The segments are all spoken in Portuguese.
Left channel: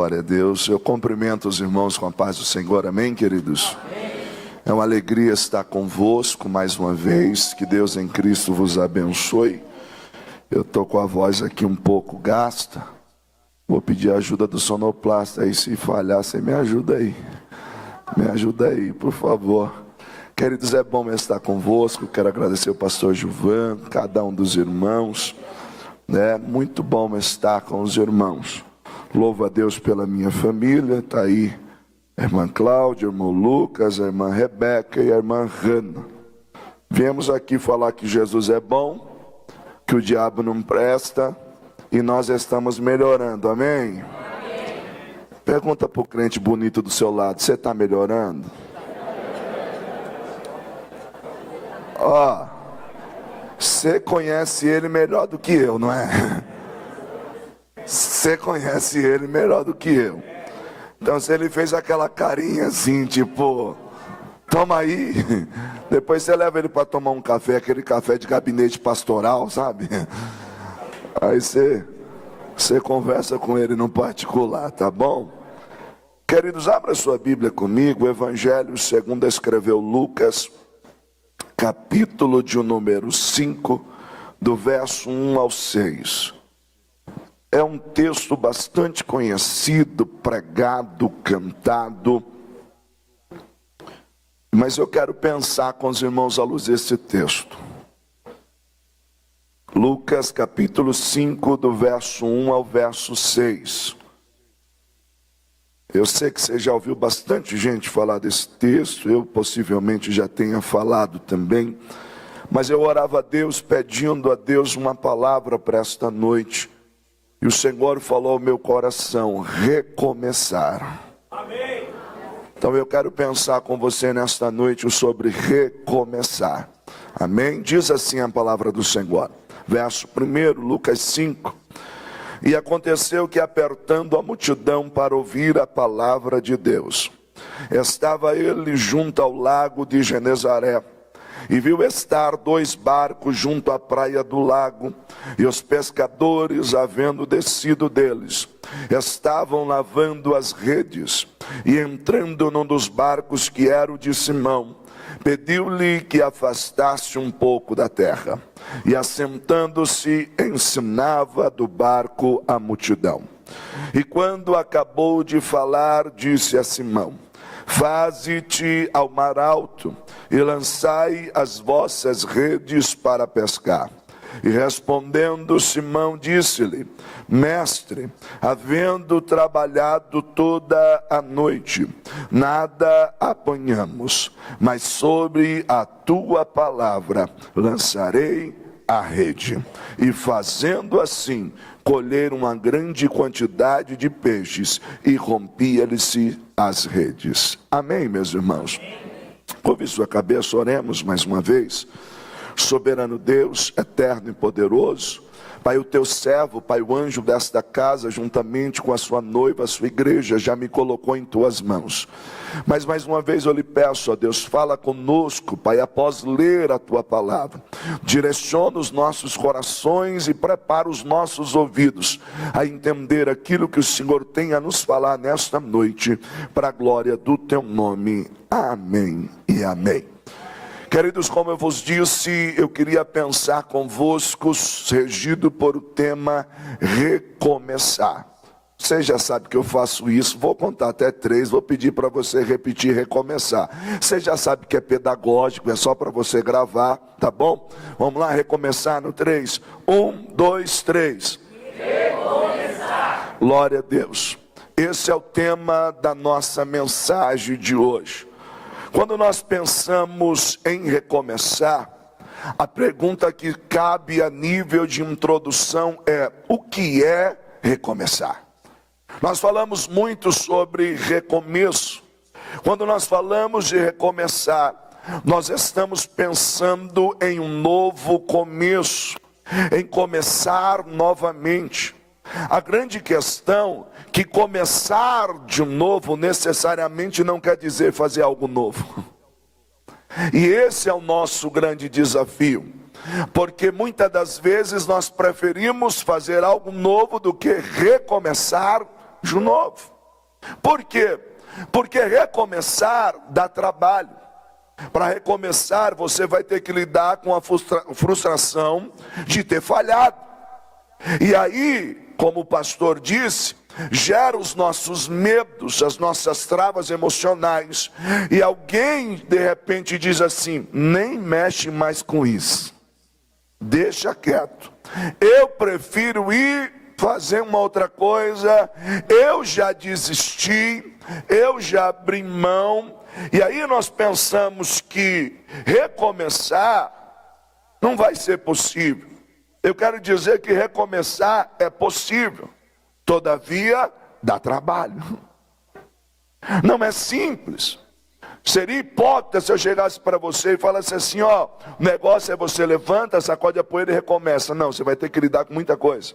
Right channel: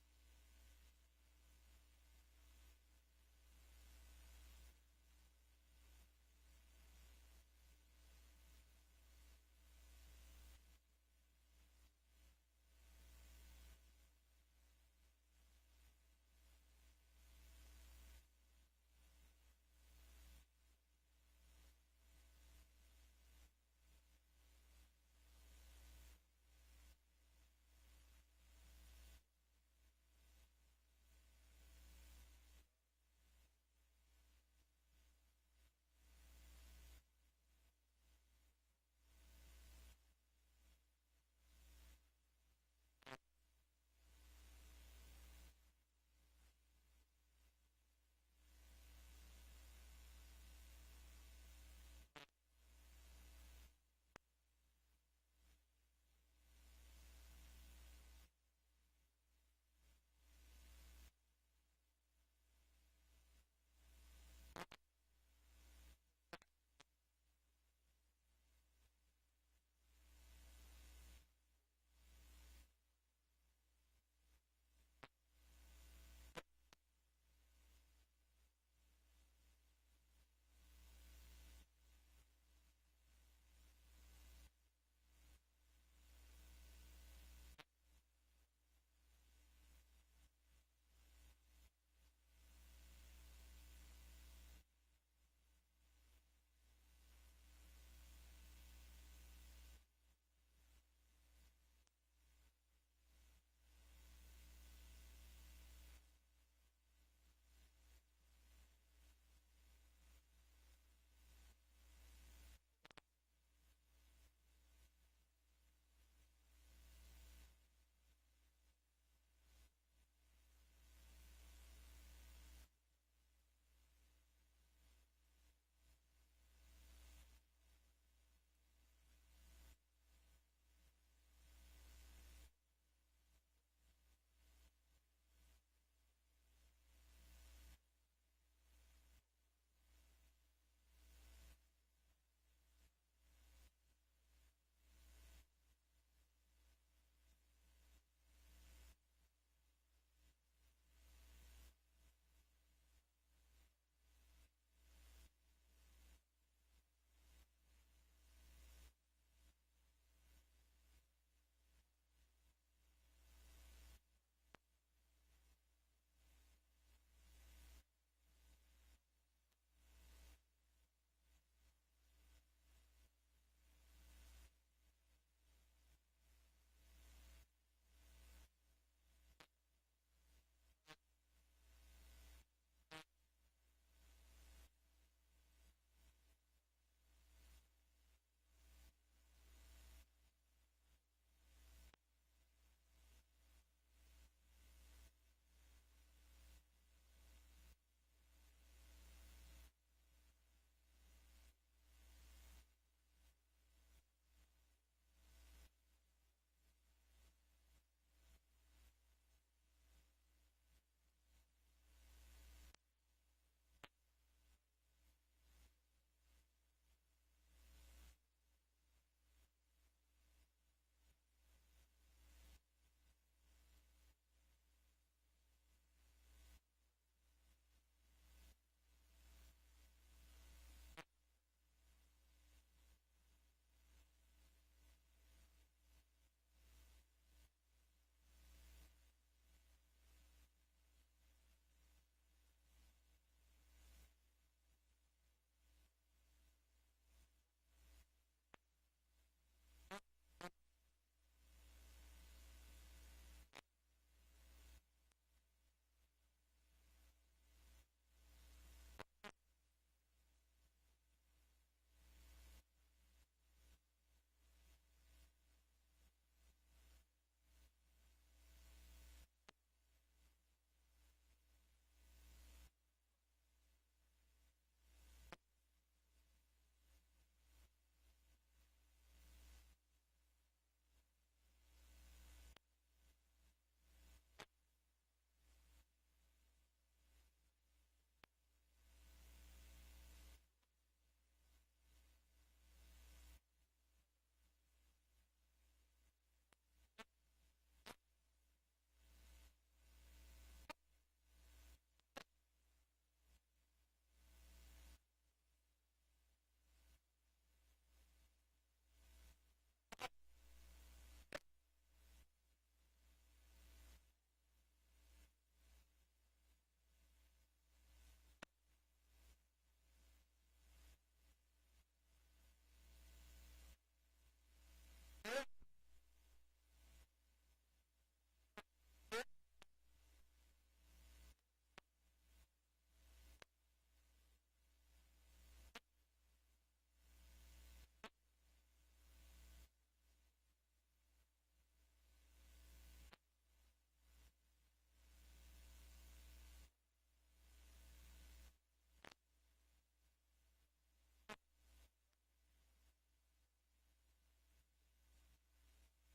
Glória a Deus. Eu cumprimento os irmãos com a paz do Senhor. Amém, queridos? Amém. É uma alegria estar convosco mais uma vez. Que Deus em Cristo vos abençoe. Eu estou com a voz aqui um pouco gasta. Vou pedir a ajuda do sonoplasta aí. Se falhar, você me ajuda aí. Me ajuda aí, por favor. Queridos, é bom estar convosco. Quero agradecer ao pastor Gilvan, cada um dos irmãos. É muito bom estar com os irmãos. Louvo a Deus pela minha família. Está aí a irmã Cláudia, o irmão Lucas, a irmã Rebeca e a irmã Hanna. Viemos aqui falar que Jesus é bom, que o diabo não presta e nós estamos melhorando. Amém? Amém. Pergunta para o crente bonito do seu lado: você está melhorando? Ó, você conhece ele melhor do que eu, não é? Você conhece ele melhor do que eu. Então, se ele fez aquela carinha assim, tipo, toma aí. Depois você leva ele para tomar um café, aquele café de gabinete pastoral, sabe? Aí você conversa com ele no particular, tá bom? Queridos, abra sua Bíblia comigo. O Evangelho segundo escreveu Lucas, capítulo de número 5, do verso 1 ao 6. É um texto bastante conhecido, pregado, cantado. Mas eu quero pensar com os irmãos à luz desse texto. Lucas capítulo 5, do verso 1 ao verso 6. Eu sei que você já ouviu bastante gente falar desse texto. Eu possivelmente já tenha falado também. Mas eu orava a Deus, pedindo a Deus uma palavra para esta noite. E o Senhor falou ao meu coração: recomeçar. Amém. Então eu quero pensar com você nesta noite sobre recomeçar. Amém? Diz assim a palavra do Senhor. Verso 1, Lucas 5. E aconteceu que, apertando a multidão para ouvir a palavra de Deus, estava ele junto ao lago de Genezaré. E viu estar 2 barcos junto à praia do lago, e os pescadores, havendo descido deles, estavam lavando as redes. E entrando num dos barcos, que era o de Simão, pediu-lhe que afastasse um pouco da terra. E assentando-se, ensinava do barco a multidão. E quando acabou de falar, disse a Simão: faze-te ao mar alto e lançai as vossas redes para pescar. E respondendo Simão, disse-lhe: mestre, havendo trabalhado toda a noite, nada apanhamos, mas sobre a tua palavra lançarei a rede. E fazendo assim, colheram uma grande quantidade de peixes, e rompia-lhe-se as redes. Amém, meus irmãos? Curve sua cabeça, oremos mais uma vez. Soberano Deus, eterno e poderoso, Pai, o teu servo, Pai, o anjo desta casa, juntamente com a sua noiva, a sua igreja, já me colocou em tuas mãos. Mas mais uma vez eu lhe peço, ó Deus, fala conosco, Pai, após ler a tua palavra. Direciona os nossos corações e prepara os nossos ouvidos a entender aquilo que o Senhor tem a nos falar nesta noite, para a glória do teu nome. Amém e amém. Queridos, como eu vos disse, eu queria pensar convosco, regido por o tema recomeçar. Você já sabe que eu faço isso, vou contar até 3, vou pedir para você repetir recomeçar. Você já sabe que é pedagógico, é só para você gravar, tá bom? Vamos lá, recomeçar no 3. 1, 2, 3. Recomeçar. Glória a Deus. Esse é o tema da nossa mensagem de hoje. Quando nós pensamos em recomeçar, a pergunta que cabe a nível de introdução é: o que é recomeçar? Nós falamos muito sobre recomeço. Quando nós falamos de recomeçar, nós estamos pensando em um novo começo, em começar novamente. A grande questão é que começar de novo necessariamente não quer dizer fazer algo novo. E esse é o nosso grande desafio. Porque muitas das vezes nós preferimos fazer algo novo do que recomeçar de novo. Por quê? Porque recomeçar dá trabalho. Para recomeçar, você vai ter que lidar com a frustração de ter falhado. E aí, como o pastor disse, gera os nossos medos, as nossas travas emocionais. E alguém, de repente, diz assim: nem mexe mais com isso. Deixa quieto. Eu prefiro ir fazer uma outra coisa. Eu já desisti. Eu já abri mão. E aí nós pensamos que recomeçar não vai ser possível. Eu quero dizer que recomeçar é possível. Todavia, dá trabalho. Não é simples. Seria hipócrita se eu chegasse para você e falasse assim: ó, o negócio é você levanta, sacode a poeira e recomeça. Não, você vai ter que lidar com muita coisa.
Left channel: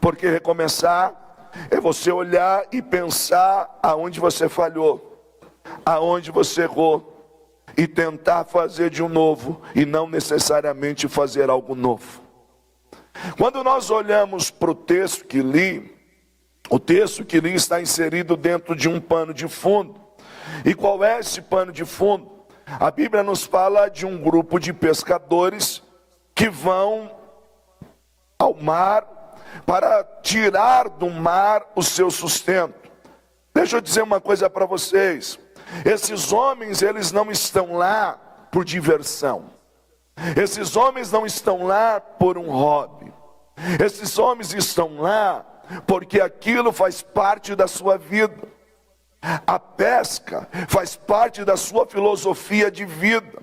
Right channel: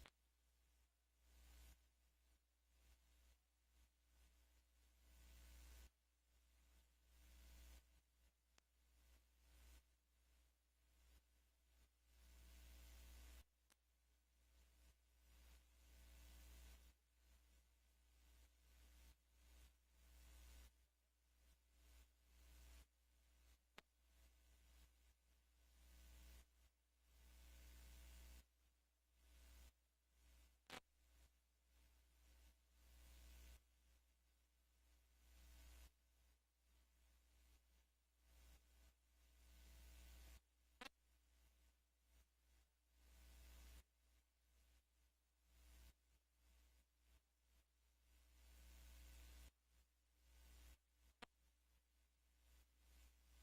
Porque recomeçar é você olhar e pensar aonde você falhou, aonde você errou, e tentar fazer de um novo, e não necessariamente fazer algo novo. Quando nós olhamos para o texto que li, o texto que li está inserido dentro de um pano de fundo. E qual é esse pano de fundo? A Bíblia nos fala de um grupo de pescadores que vão ao mar para tirar do mar o seu sustento. Deixa eu dizer uma coisa para vocês. Esses homens, eles não estão lá por diversão. Esses homens não estão lá por um hobby. Esses homens estão lá porque aquilo faz parte da sua vida. A pesca faz parte da sua filosofia de vida.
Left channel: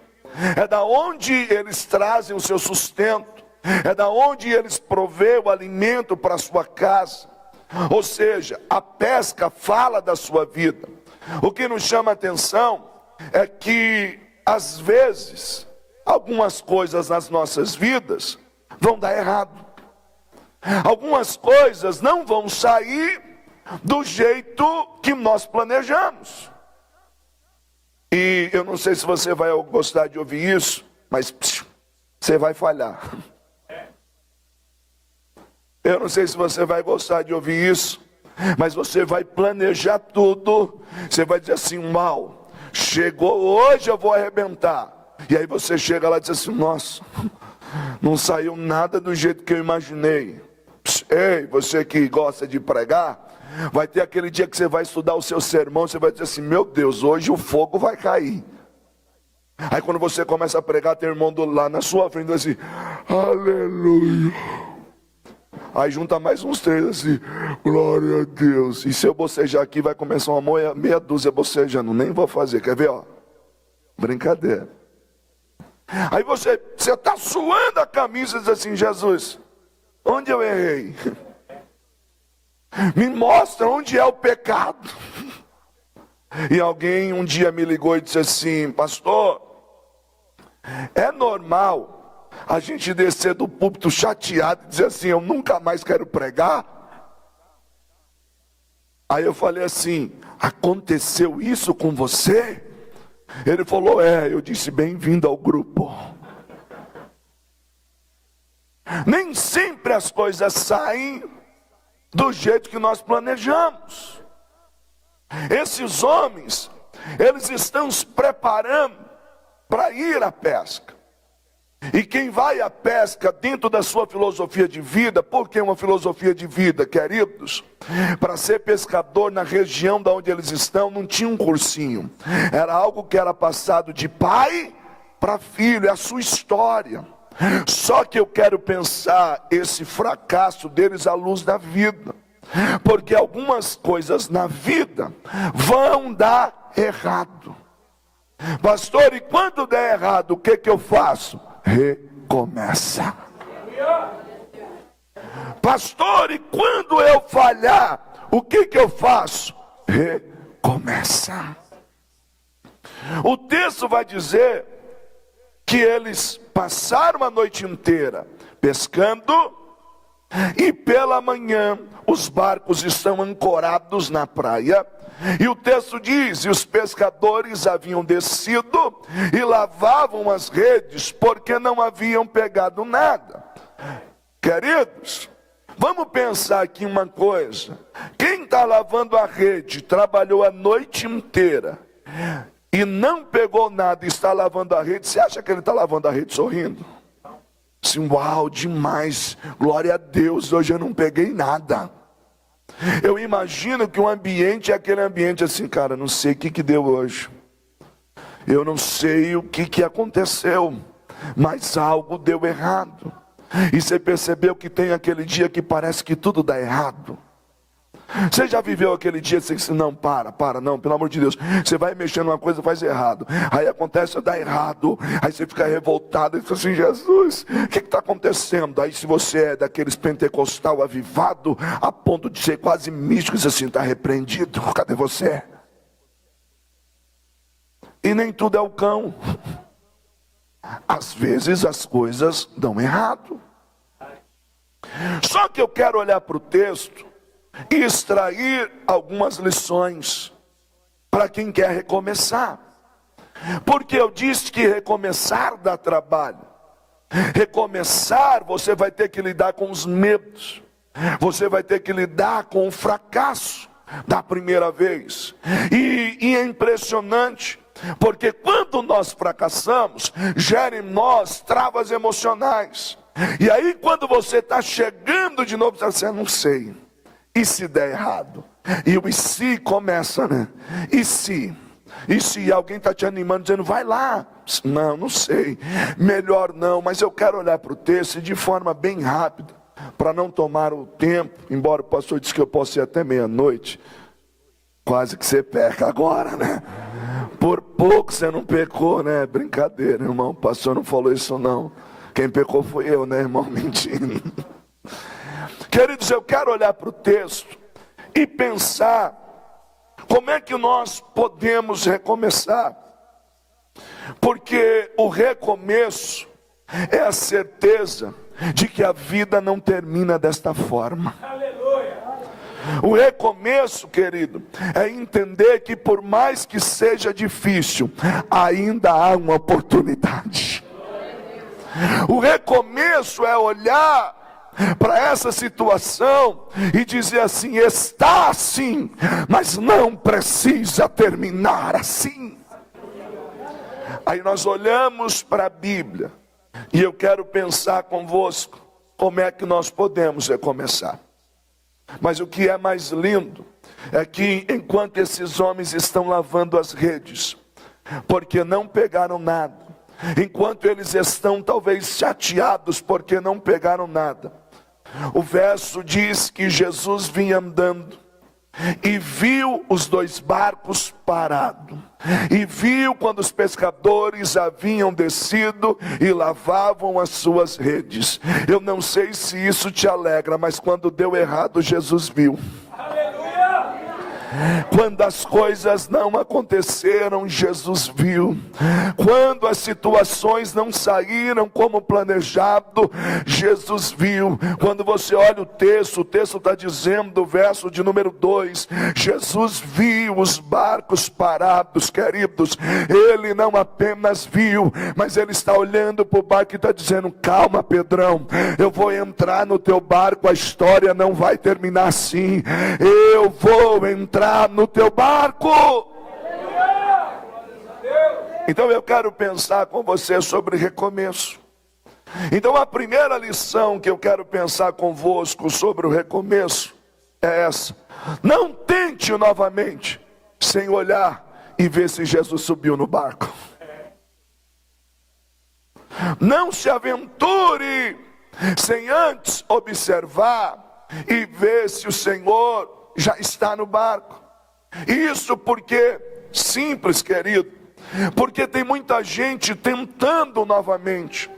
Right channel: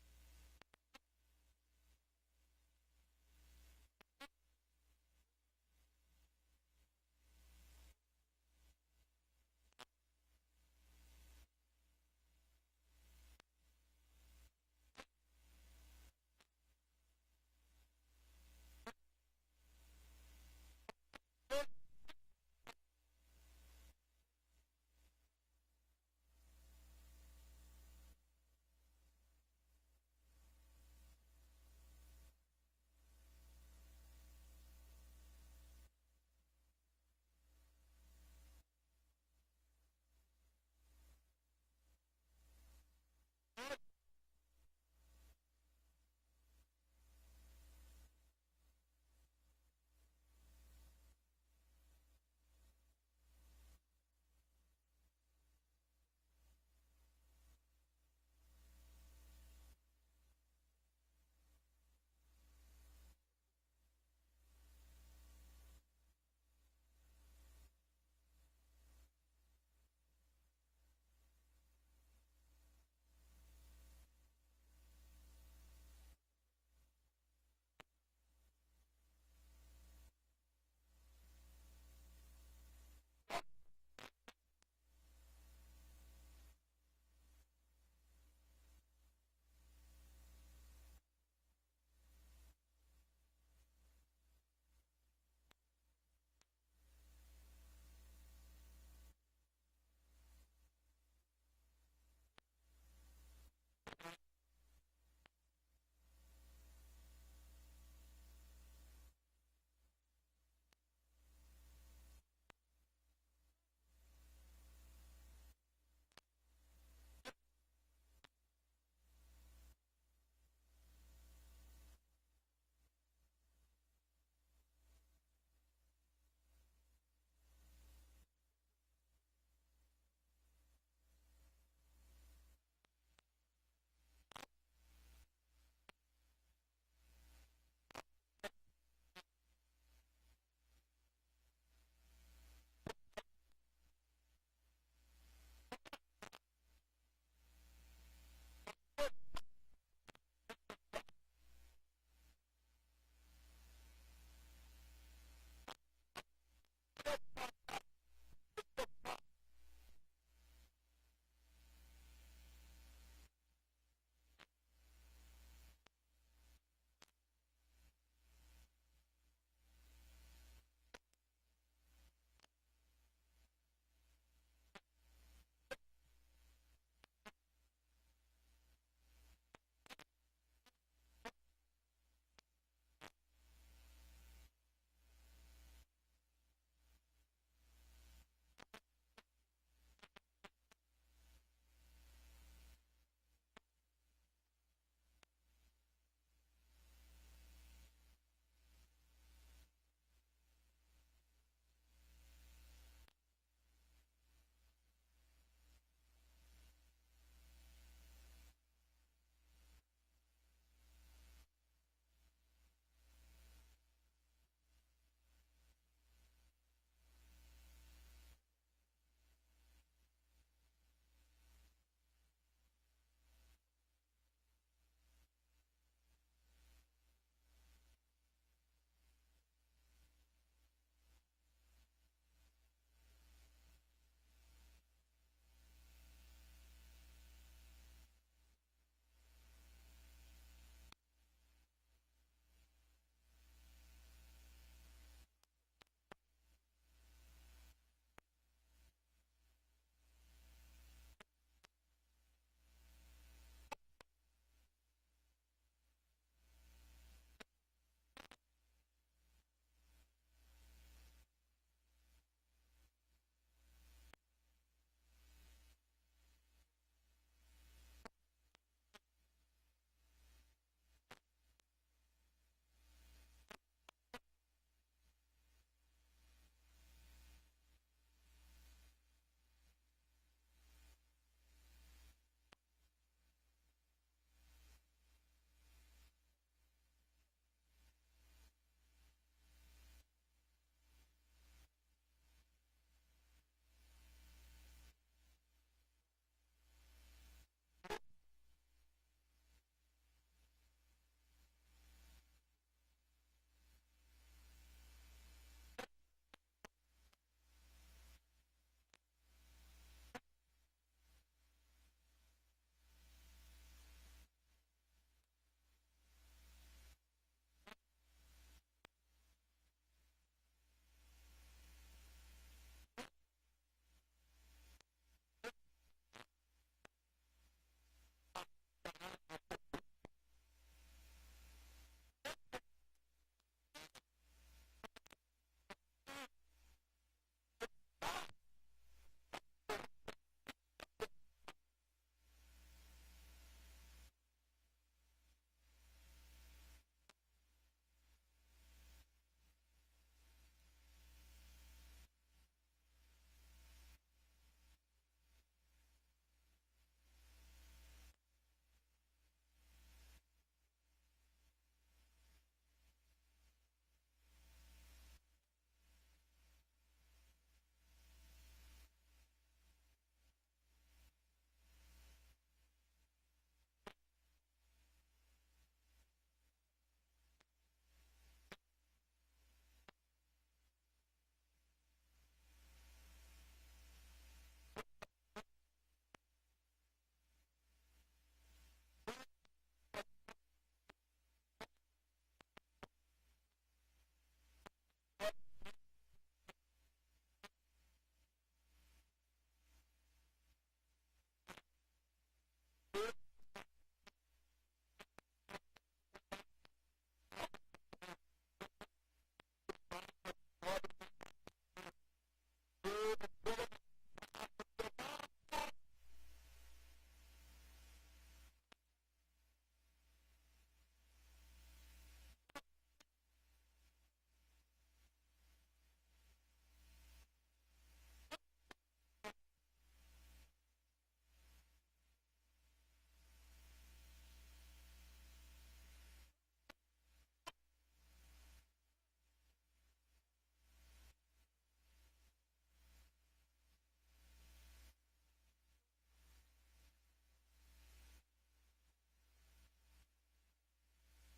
É da onde eles trazem o seu sustento. É da onde eles provêem o alimento para a sua casa. Ou seja, a pesca fala da sua vida. O que nos chama a atenção é que, às vezes, algumas coisas nas nossas vidas vão dar errado. Algumas coisas não vão sair do jeito que nós planejamos. E eu não sei se você vai gostar de ouvir isso, mas você vai falhar. Eu não sei se você vai gostar de ouvir isso, mas você vai planejar tudo. Você vai dizer assim: mal, chegou hoje, eu vou arrebentar. E aí você chega lá e diz assim: nossa, não saiu nada do jeito que eu imaginei. Ei, você que gosta de pregar, vai ter aquele dia que você vai estudar o seu sermão, você vai dizer assim: meu Deus, hoje o fogo vai cair. Aí quando você começa a pregar, tem irmão lá na sua frente assim: aleluia. Aí junta mais uns 3 assim: glória a Deus. E se eu bocejar aqui, vai começar uma meia dúzia bocejando. Nem vou fazer, quer ver, ó? Brincadeira. Aí você está suando a camisa e diz assim: Jesus, onde eu errei? Me mostra onde é o pecado. E alguém um dia me ligou e disse assim: pastor, é normal a gente descer do púlpito chateado e dizer assim: eu nunca mais quero pregar? Aí eu falei assim: aconteceu isso com você? Ele falou: é. Eu disse: bem-vindo ao grupo. Nem sempre as coisas saem do jeito que nós planejamos. Esses homens, eles estão se preparando para ir à pesca. E quem vai à pesca dentro da sua filosofia de vida, por que uma filosofia de vida, queridos? Para ser pescador na região da onde eles estão, não tinha um cursinho. Era algo que era passado de pai para filho, é a sua história. Só que eu quero pensar esse fracasso deles à luz da vida. Porque algumas coisas na vida vão dar errado. Pastor, e quando der errado, o que eu faço? Recomeça. Pastor, e quando eu falhar, o que eu faço? Recomeça. O texto vai dizer que eles passaram a noite inteira pescando, e pela manhã os barcos estão ancorados na praia. E o texto diz: e os pescadores haviam descido e lavavam as redes, porque não haviam pegado nada. Queridos, Vamos pensar aqui uma coisa. Quem está lavando a rede, trabalhou a noite inteira e não pegou nada e está lavando a rede, você acha que ele está lavando a rede sorrindo? Assim, uau, demais, glória a Deus, hoje eu não peguei nada. Eu imagino que o ambiente é aquele ambiente assim, cara, não sei o que deu hoje. Eu não sei o que aconteceu, mas algo deu errado. E você percebeu que tem aquele dia que parece que tudo dá errado? Você já viveu aquele dia que você disse, não, não, pelo amor de Deus. Você vai mexendo numa coisa e faz errado. Aí acontece, dá errado. Aí você fica revoltado e diz assim, Jesus, o que está acontecendo? Aí se você é daqueles pentecostal avivado, a ponto de ser quase místico, diz assim, está repreendido, cadê você? E nem tudo é o cão. Às vezes as coisas dão errado. Só que eu quero olhar para o texto e extrair algumas lições para quem quer recomeçar. Porque eu disse que recomeçar dá trabalho. Recomeçar, você vai ter que lidar com os medos. Você vai ter que lidar com o fracasso da primeira vez. E é impressionante, porque quando nós fracassamos, gera em nós travas emocionais. E aí quando você está chegando de novo, você não sei. E se der errado? E o e se começa, né? E se alguém está te animando, dizendo, vai lá. Não sei. Melhor não, mas eu quero olhar para o texto de forma bem rápida, para não tomar o tempo, embora o pastor disse que eu posso ir até meia-noite. Quase que você peca agora, né? Por pouco você não pecou, né? Brincadeira, irmão. O pastor não falou isso não. Quem pecou foi eu, né, irmão? Mentindo. Queridos, eu quero olhar para o texto e pensar como é que nós podemos recomeçar. Porque o recomeço é a certeza de que a vida não termina desta forma. O recomeço, querido, é entender que por mais que seja difícil, ainda há uma oportunidade. O recomeço é olhar para essa situação e dizer assim, está assim, mas não precisa terminar assim. Aí nós olhamos para a Bíblia e eu quero pensar convosco como é que nós podemos recomeçar. Mas o que é mais lindo é que enquanto esses homens estão lavando as redes, porque não pegaram nada, enquanto eles estão talvez chateados porque não pegaram nada, o verso diz que Jesus vinha andando e viu os dois barcos parados, e viu quando os pescadores haviam descido e lavavam as suas redes. Eu não sei se isso te alegra, mas quando deu errado, Jesus viu. Quando as coisas não aconteceram, Jesus viu. Quando as situações não saíram como planejado, Jesus viu. Quando você olha o texto está dizendo, verso de número 2, Jesus viu os barcos parados, queridos. Ele não apenas viu, mas ele está olhando para o barco e está dizendo, calma, Pedrão, eu vou entrar no teu barco, a história não vai terminar assim. Eu vou entrar no teu barco. Então eu quero pensar com você sobre recomeço. Então a primeira lição que eu quero pensar convosco sobre o recomeço é essa: não tente novamente sem olhar e ver se Jesus subiu no barco. Não se aventure sem antes observar e ver se o Senhor já está no barco. Isso porque, simples, querido, porque tem muita gente tentando novamente.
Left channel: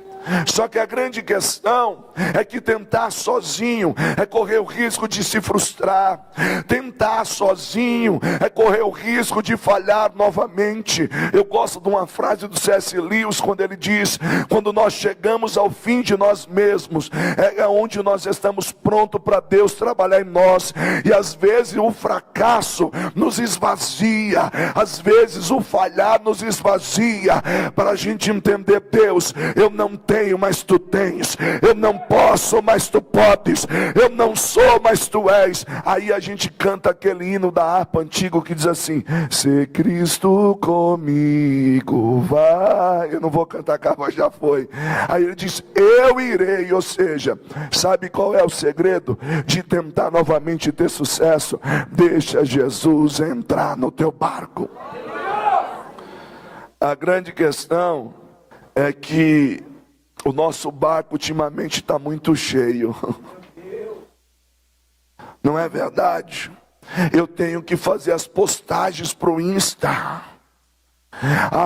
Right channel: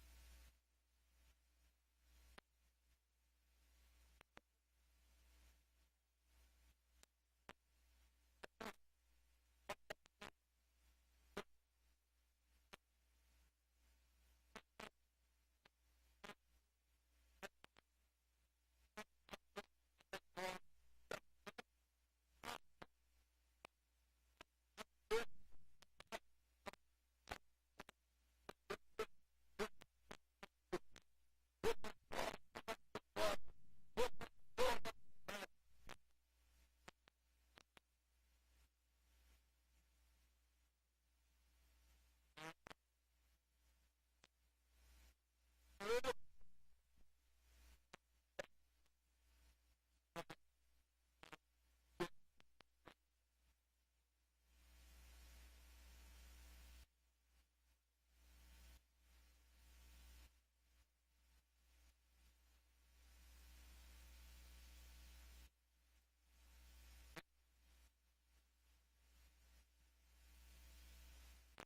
Só que a grande questão é que tentar sozinho é correr o risco de se frustrar. Tentar tentar sozinho é correr o risco de falhar novamente. Eu gosto de uma frase do C.S. Lewis, quando ele diz: quando nós chegamos ao fim de nós mesmos, é onde nós estamos prontos para Deus trabalhar em nós. E às vezes o fracasso nos esvazia, às vezes o falhar nos esvazia, para a gente entender: Deus, eu não tenho, mas tu tens. Eu não posso, mas tu podes. Eu não sou, mas tu és. Aí a gente canta aquele hino da harpa antigo que diz assim: se Cristo comigo vai. Eu não vou cantar, a voz já foi. Aí ele diz: eu irei. Ou seja, sabe qual é o segredo de tentar novamente ter sucesso? Deixa Jesus entrar no teu barco. A grande questão é que o nosso barco ultimamente está muito cheio. Não é verdade? Eu tenho que fazer as postagens para o Insta.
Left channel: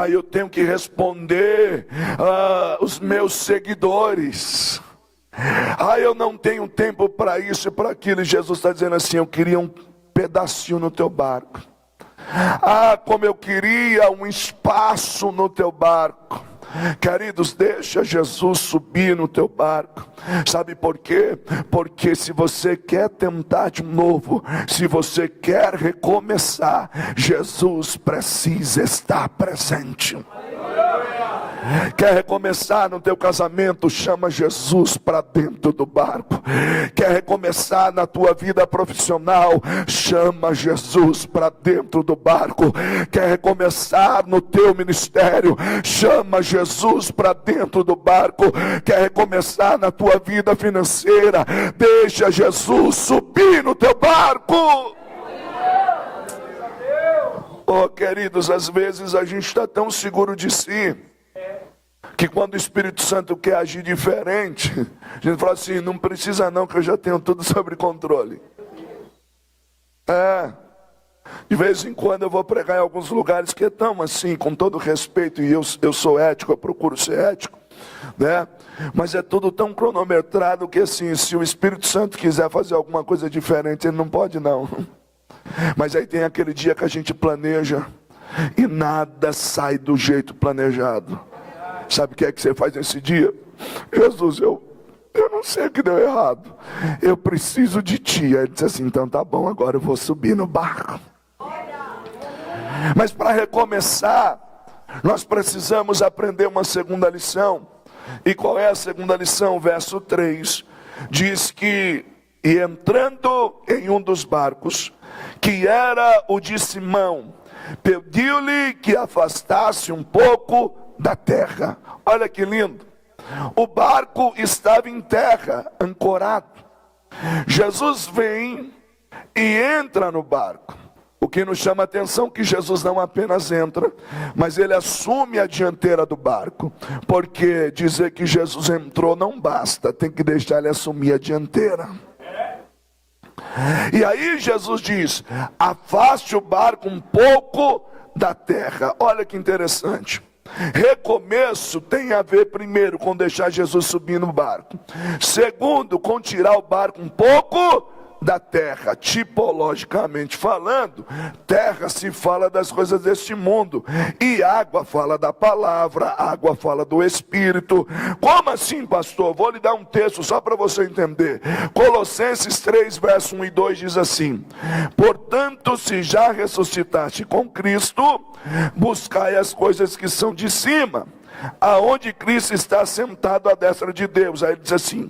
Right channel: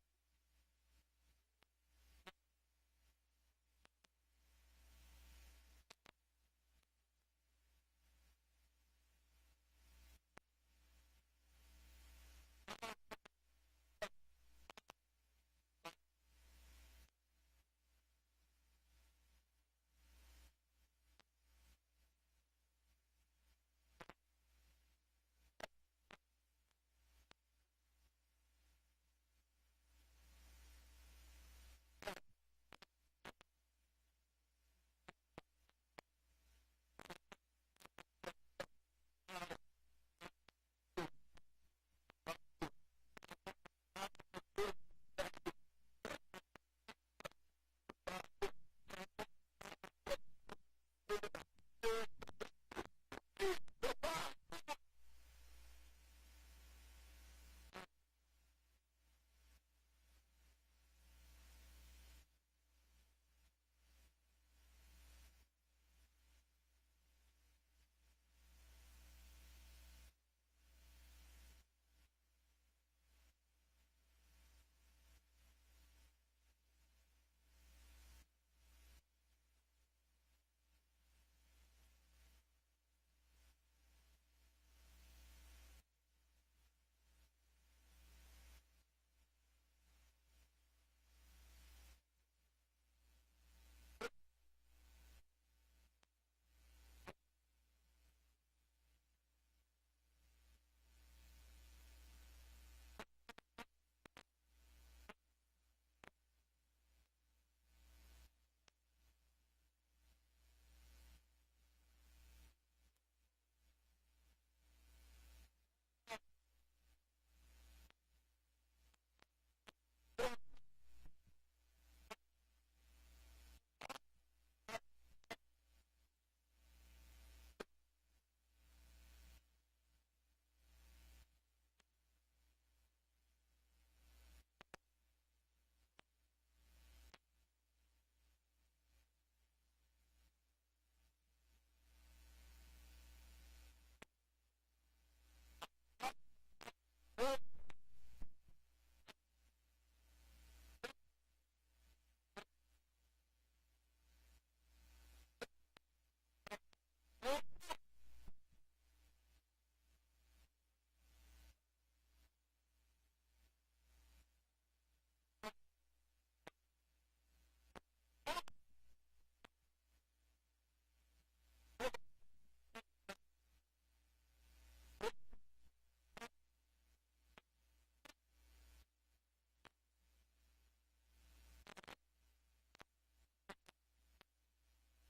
Eu tenho que responder os meus seguidores. Eu não tenho tempo para isso e para aquilo. E Jesus está dizendo assim: eu queria um pedacinho no teu barco. Como eu queria um espaço no teu barco. Queridos, deixa Jesus subir no teu barco. Sabe por quê? Porque se você quer tentar de novo, se você quer recomeçar, Jesus precisa estar presente. Quer recomeçar no teu casamento? Chama Jesus para dentro do barco. Quer recomeçar na tua vida profissional? Chama Jesus para dentro do barco. Quer recomeçar no teu ministério? Chama Jesus para dentro do barco. Quer recomeçar na tua vida financeira? Deixa Jesus subir no teu barco. Queridos, às vezes a gente está tão seguro de si, que quando o Espírito Santo quer agir diferente, a gente fala assim: não precisa não, que eu já tenho tudo sob controle. De vez em quando eu vou pregar em alguns lugares que estão assim, com todo respeito, e eu sou ético, eu procuro ser ético, né? Mas é tudo tão cronometrado que assim, se o Espírito Santo quiser fazer alguma coisa diferente, ele não pode não. Mas aí tem aquele dia que a gente planeja e nada sai do jeito planejado. Sabe o que é que você faz nesse dia? Jesus, eu não sei o que deu errado. Eu preciso de ti. Aí ele disse assim: então tá bom, agora eu vou subir no barco. Mas para recomeçar, nós precisamos aprender uma segunda lição. E qual é a segunda lição? Verso 3. Diz que, e entrando em um dos barcos, que era o de Simão, pediu-lhe que afastasse um pouco da terra. Olha que lindo. O barco estava em terra, ancorado. Jesus vem e entra no barco. O que nos chama a atenção é que Jesus não apenas entra, mas ele assume a dianteira do barco. Porque dizer que Jesus entrou não basta, tem que deixar ele assumir a dianteira. E aí Jesus diz: afaste o barco um pouco da terra. Olha que interessante. Recomeço tem a ver, primeiro, com deixar Jesus subir no barco. Segundo, com tirar o barco um pouco da terra. Tipologicamente falando, terra se fala das coisas deste mundo, e água fala da palavra, água fala do Espírito. Como assim, pastor? Vou lhe dar um texto só para você entender. Colossenses 3, verso 1 e 2 diz assim: portanto, se já ressuscitaste com Cristo, buscai as coisas que são de cima, aonde Cristo está sentado à destra de Deus. Aí ele diz assim:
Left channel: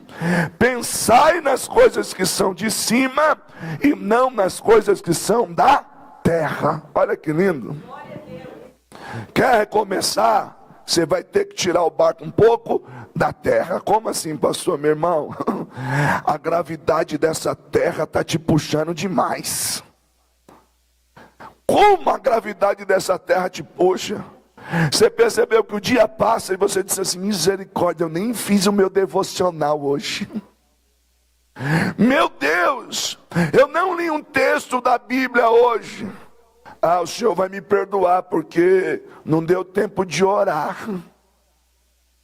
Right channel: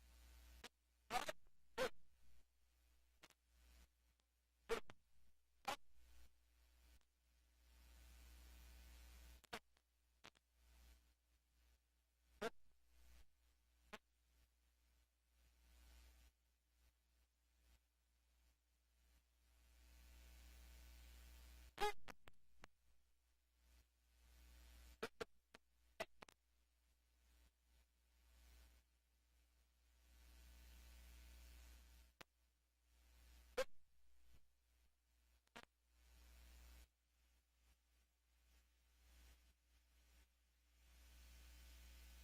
pensai nas coisas que são de cima e não nas coisas que são da terra. Olha que lindo. Quer recomeçar? Você vai ter que tirar o barco um pouco da terra. Como assim, pastor? Meu irmão, a gravidade dessa terra está te puxando demais. Como a gravidade dessa terra te puxa? Você percebeu que o dia passa e você disse assim: misericórdia, eu nem fiz o meu devocional hoje. Meu Deus, eu não li um texto da Bíblia hoje. O Senhor vai me perdoar porque não deu tempo de orar.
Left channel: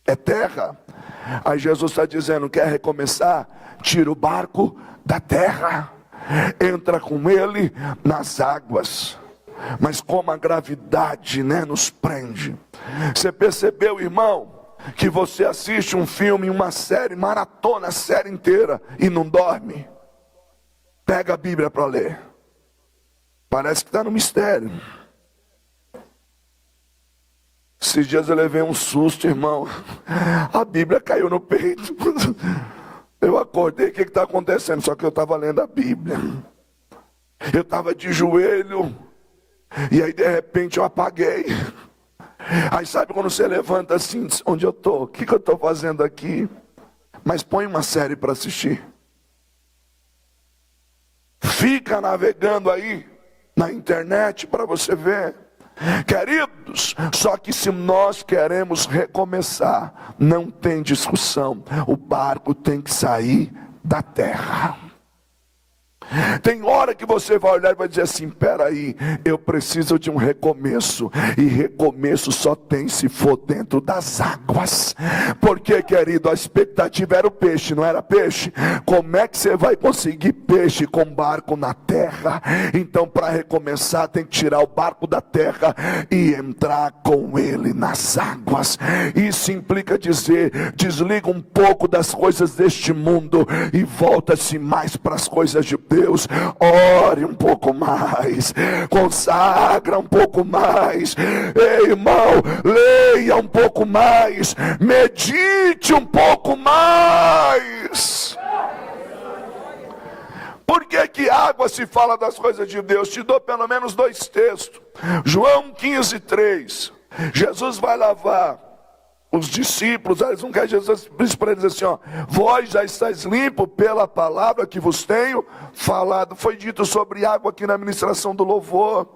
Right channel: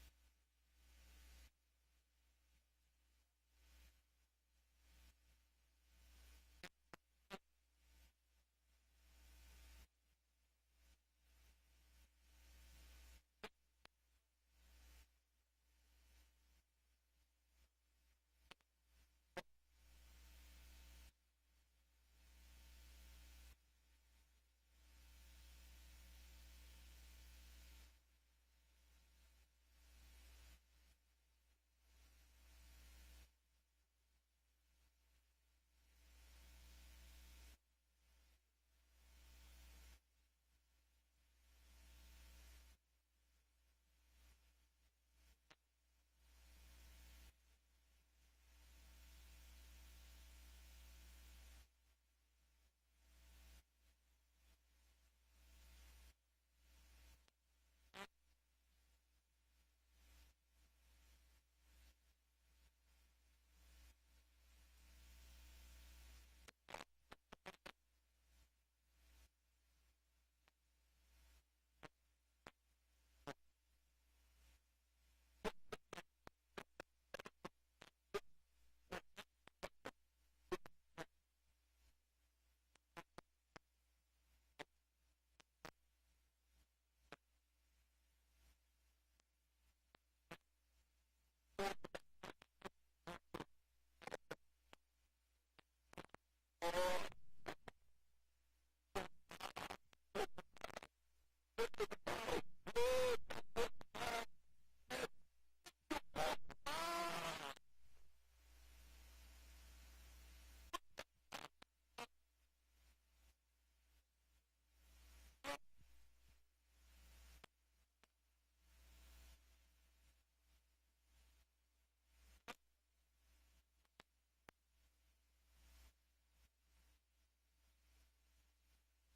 É terra. Aí Jesus está dizendo: quer recomeçar? Tira o barco da terra. entra com ele nas águas. Mas como a gravidade, nos prende. Você percebeu, irmão, que você assiste um filme, uma série, maratona a série inteira e não dorme? Pega a Bíblia para ler. Parece que está no mistério. Esses dias eu levei um susto, irmão. A Bíblia caiu no peito. Eu acordei, o que está acontecendo? Só que eu estava lendo a Bíblia. Eu estava de joelho. E aí de repente eu apaguei. Aí sabe quando você levanta assim, onde eu estou? O que eu estou fazendo aqui? Mas põe uma série para assistir. Fica navegando aí na internet para você ver. Queridos, só que se nós queremos recomeçar, não tem discussão. O barco tem que sair da terra. Tem hora que você vai olhar e vai dizer assim: peraí, eu preciso de um recomeço. E recomeço só tem se for dentro das águas. Porque, querido, a expectativa era o peixe, não era peixe? Como é que você vai conseguir peixe com barco na terra? Então, para recomeçar, tem que tirar o barco da terra e entrar com ele nas águas. Isso implica dizer: desliga um pouco das coisas deste mundo e volta-se mais para as coisas de Deus. Ore um pouco mais, consagra um pouco mais, ei, irmão, leia um pouco mais, medite um pouco mais. Por que água se fala das coisas de Deus? Te dou pelo menos 2 textos. João 15:3. Jesus vai lavar os discípulos, eles não querem. Jesus diz para eles assim: vós já estáis limpos pela palavra que vos tenho falado. Foi dito sobre água aqui na ministração do louvor.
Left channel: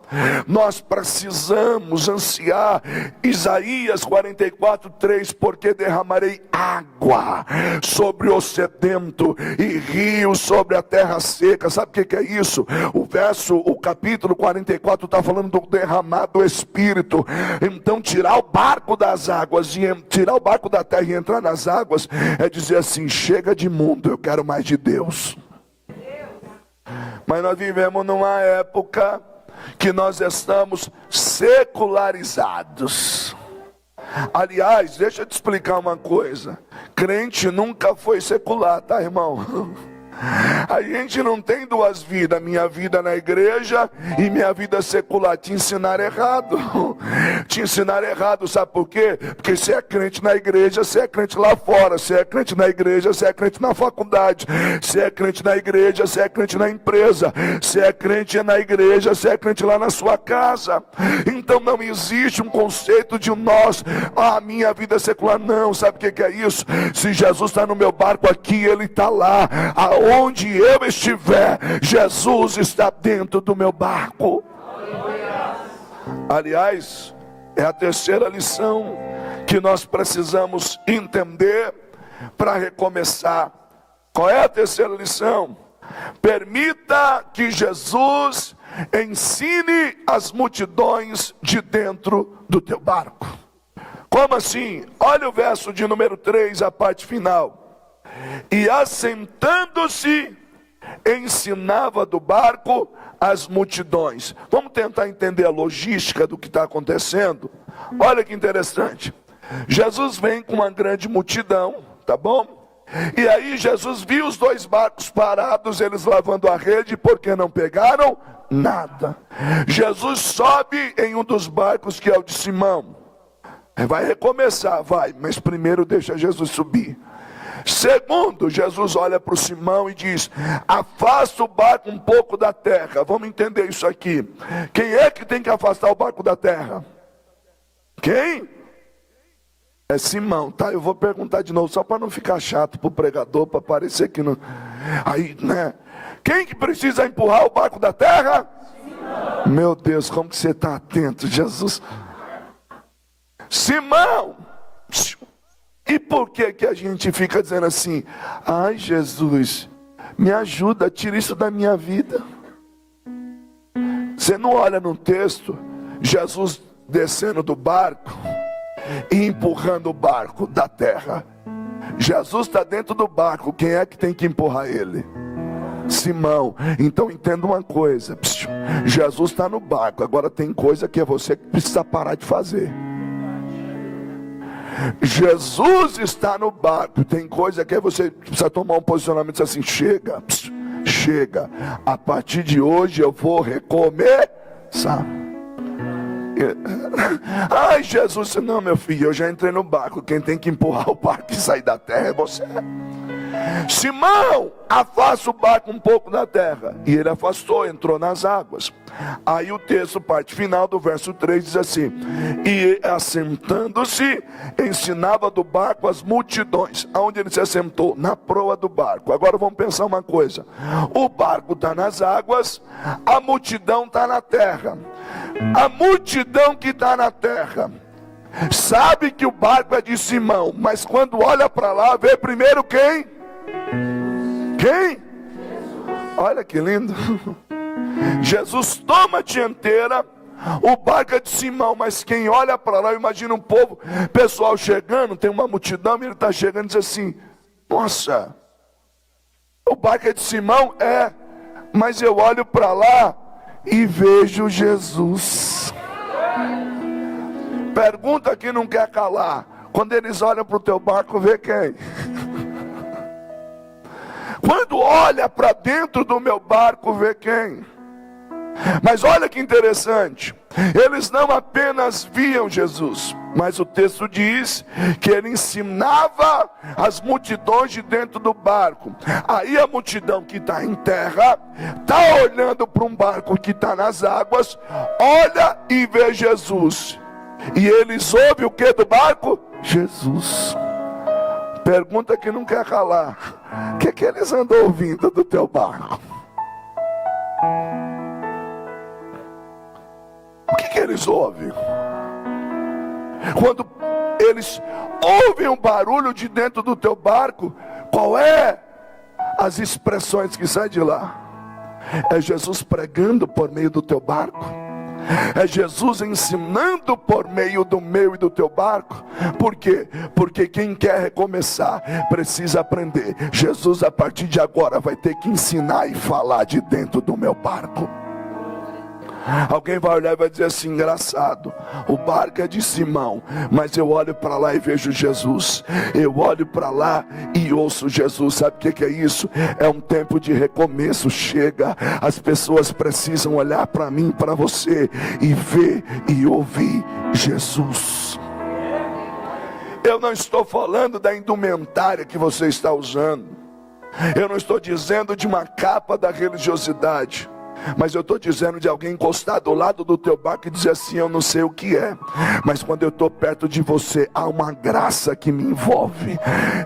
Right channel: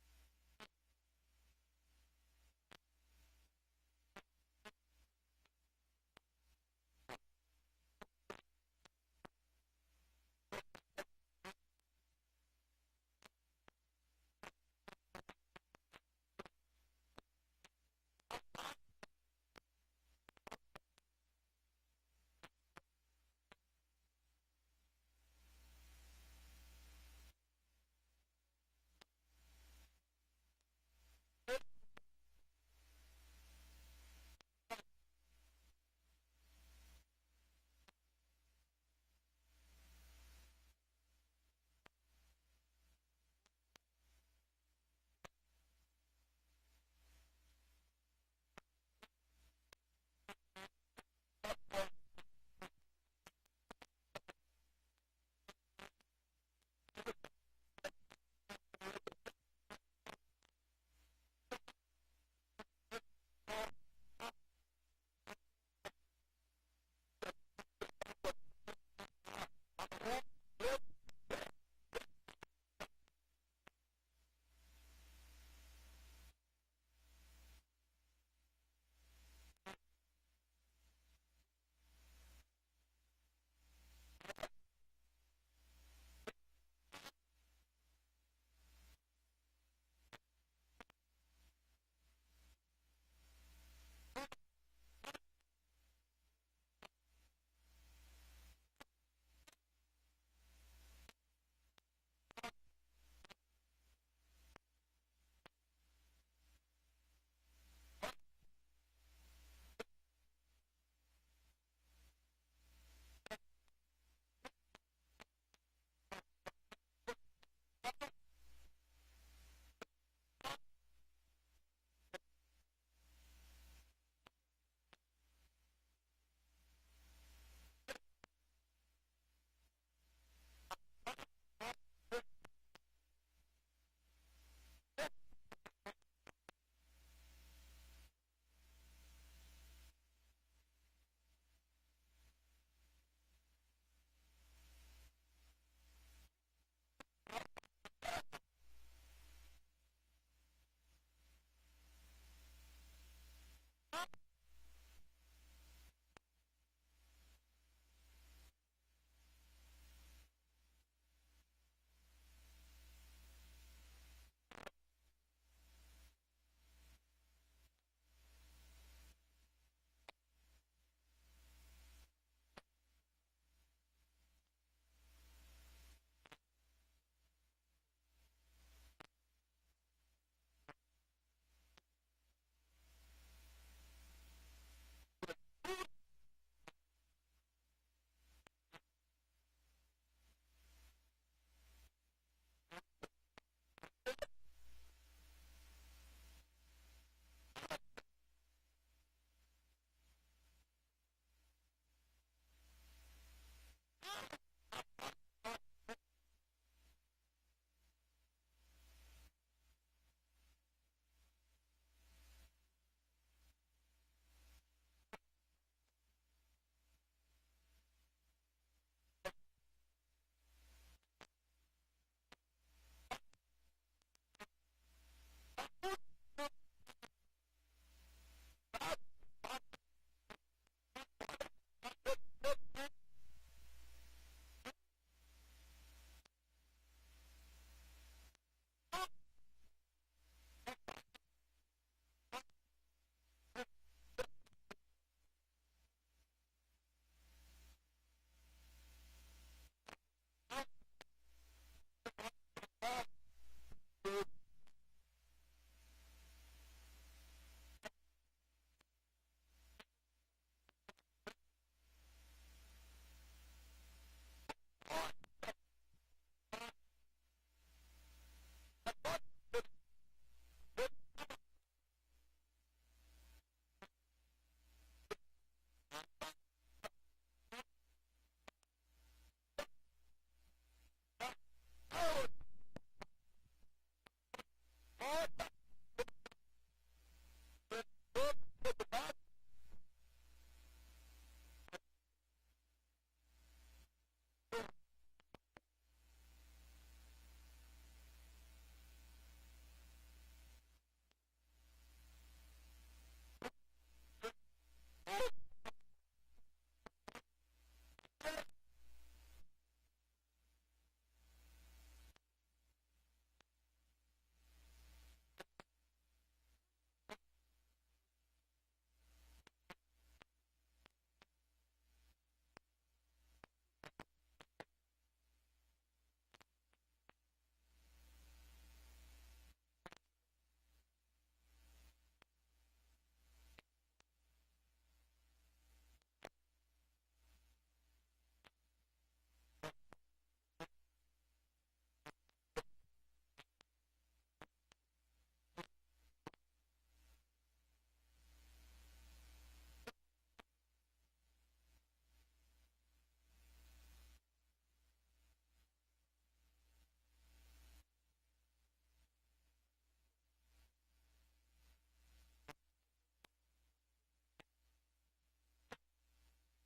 Nós precisamos ansiar Isaías 44:3, porque derramarei água sobre o sedento e rios sobre a terra seca. Sabe o que é isso? O capítulo 44 está falando do derramar do Espírito. Então tirar o barco das águas e tirar o barco da terra e entrar nas águas é dizer assim: chega de mundo, eu quero mais de Deus. Mas nós vivemos numa época que nós estamos secularizados. Aliás, deixa eu te explicar uma coisa: crente nunca foi secular, tá, irmão? A gente não tem 2 vidas, minha vida na igreja e minha vida secular. Te ensinaram errado. Te ensinaram errado, sabe por quê? Porque você é crente na igreja, você é crente lá fora. Você é crente na igreja, você é crente na faculdade. Você é crente na igreja, você é crente na empresa. Você é crente na igreja, você é crente lá na sua casa. Então não existe um conceito de nós, a minha vida secular. Não, sabe o que é isso? Se Jesus está no meu barco aqui, Ele está lá. Aonde eu estiver, Jesus está dentro do meu barco. Aliás, é a terceira lição que nós precisamos entender para recomeçar. Qual é a terceira lição? Permita que Jesus ensine as multidões de dentro do teu barco. Como assim? Olha o verso de número 3, a parte final. E assentando-se, ensinava do barco as multidões. Vamos tentar entender a logística do que está acontecendo. Olha que interessante. Jesus vem com uma grande multidão, tá bom? E aí Jesus viu os 2 barcos parados, eles lavando a rede, porque não pegaram nada. Jesus sobe em um dos barcos, que é o de Simão. Vai recomeçar, vai, mas primeiro deixa Jesus subir. Segundo, Jesus olha para o Simão e diz: afasta o barco um pouco da terra. Vamos entender isso aqui. Quem é que tem que afastar o barco da terra? Quem? É Simão, tá? Eu vou perguntar de novo, só para não ficar chato para o pregador, para parecer que não. Aí, quem que precisa empurrar o barco da terra? Simão. Meu Deus, como que você está atento, Jesus? Simão. E por que a gente fica dizendo assim: ai, Jesus, me ajuda, tira isso da minha vida? Você não olha no texto Jesus descendo do barco e empurrando o barco da terra. Jesus está dentro do barco, quem é que tem que empurrar ele? Simão. Então entenda uma coisa, Jesus está no barco, agora tem coisa que é você que precisa parar de fazer. Jesus está no barco, tem coisa que você precisa tomar um posicionamento assim: chega, chega, a partir de hoje eu vou recomeçar. Ai, Jesus, não, meu filho, eu já entrei no barco, quem tem que empurrar o barco e sair da terra é você. Simão, afasta o barco um pouco da terra. E ele afastou, entrou nas águas. Aí o texto, parte final do verso 3 diz assim: e assentando-se, ensinava do barco as multidões. Aonde ele se assentou? Na proa do barco. Agora vamos pensar uma coisa: o barco está nas águas, a multidão está na terra. A multidão que está na terra sabe que o barco é de Simão, mas quando olha para lá, vê primeiro quem? Quem? Olha que lindo. Jesus toma a dianteira, o barco é de Simão, mas quem olha para lá, imagina um povo, pessoal chegando, tem uma multidão, e ele está chegando e diz assim: nossa, o barco é de Simão? É, mas eu olho para lá e vejo Jesus. Pergunta que não quer calar: quando eles olham para o teu barco, vê quem? Quando olha para dentro do meu barco, vê quem? Mas olha que interessante, eles não apenas viam Jesus, mas o texto diz que ele ensinava as multidões de dentro do barco. Aí a multidão que está em terra está olhando para um barco que está nas águas, olha e vê Jesus. E eles ouvem o que do barco? Jesus. Pergunta que não quer calar: o que eles andam ouvindo do teu barco? O que eles ouvem? Quando eles ouvem um barulho de dentro do teu barco, qual é as expressões que saem de lá? É Jesus pregando por meio do teu barco? É Jesus ensinando por meio do meu e do teu barco? Por quê? Porque quem quer recomeçar precisa aprender. Jesus, a partir de agora, vai ter que ensinar e falar de dentro do meu barco. Alguém vai olhar e vai dizer assim: engraçado, o barco é de Simão, mas eu olho para lá e vejo Jesus. Eu olho para lá e ouço Jesus. Sabe o que é isso? É um tempo de recomeço. Chega, as pessoas precisam olhar para mim, para você, e ver e ouvir Jesus. Eu não estou falando da indumentária que você está usando, eu não estou dizendo de uma capa da religiosidade, mas eu estou dizendo de alguém encostar do lado do teu barco e dizer assim: eu não sei o que é, mas quando eu estou perto de você, há uma graça que me envolve.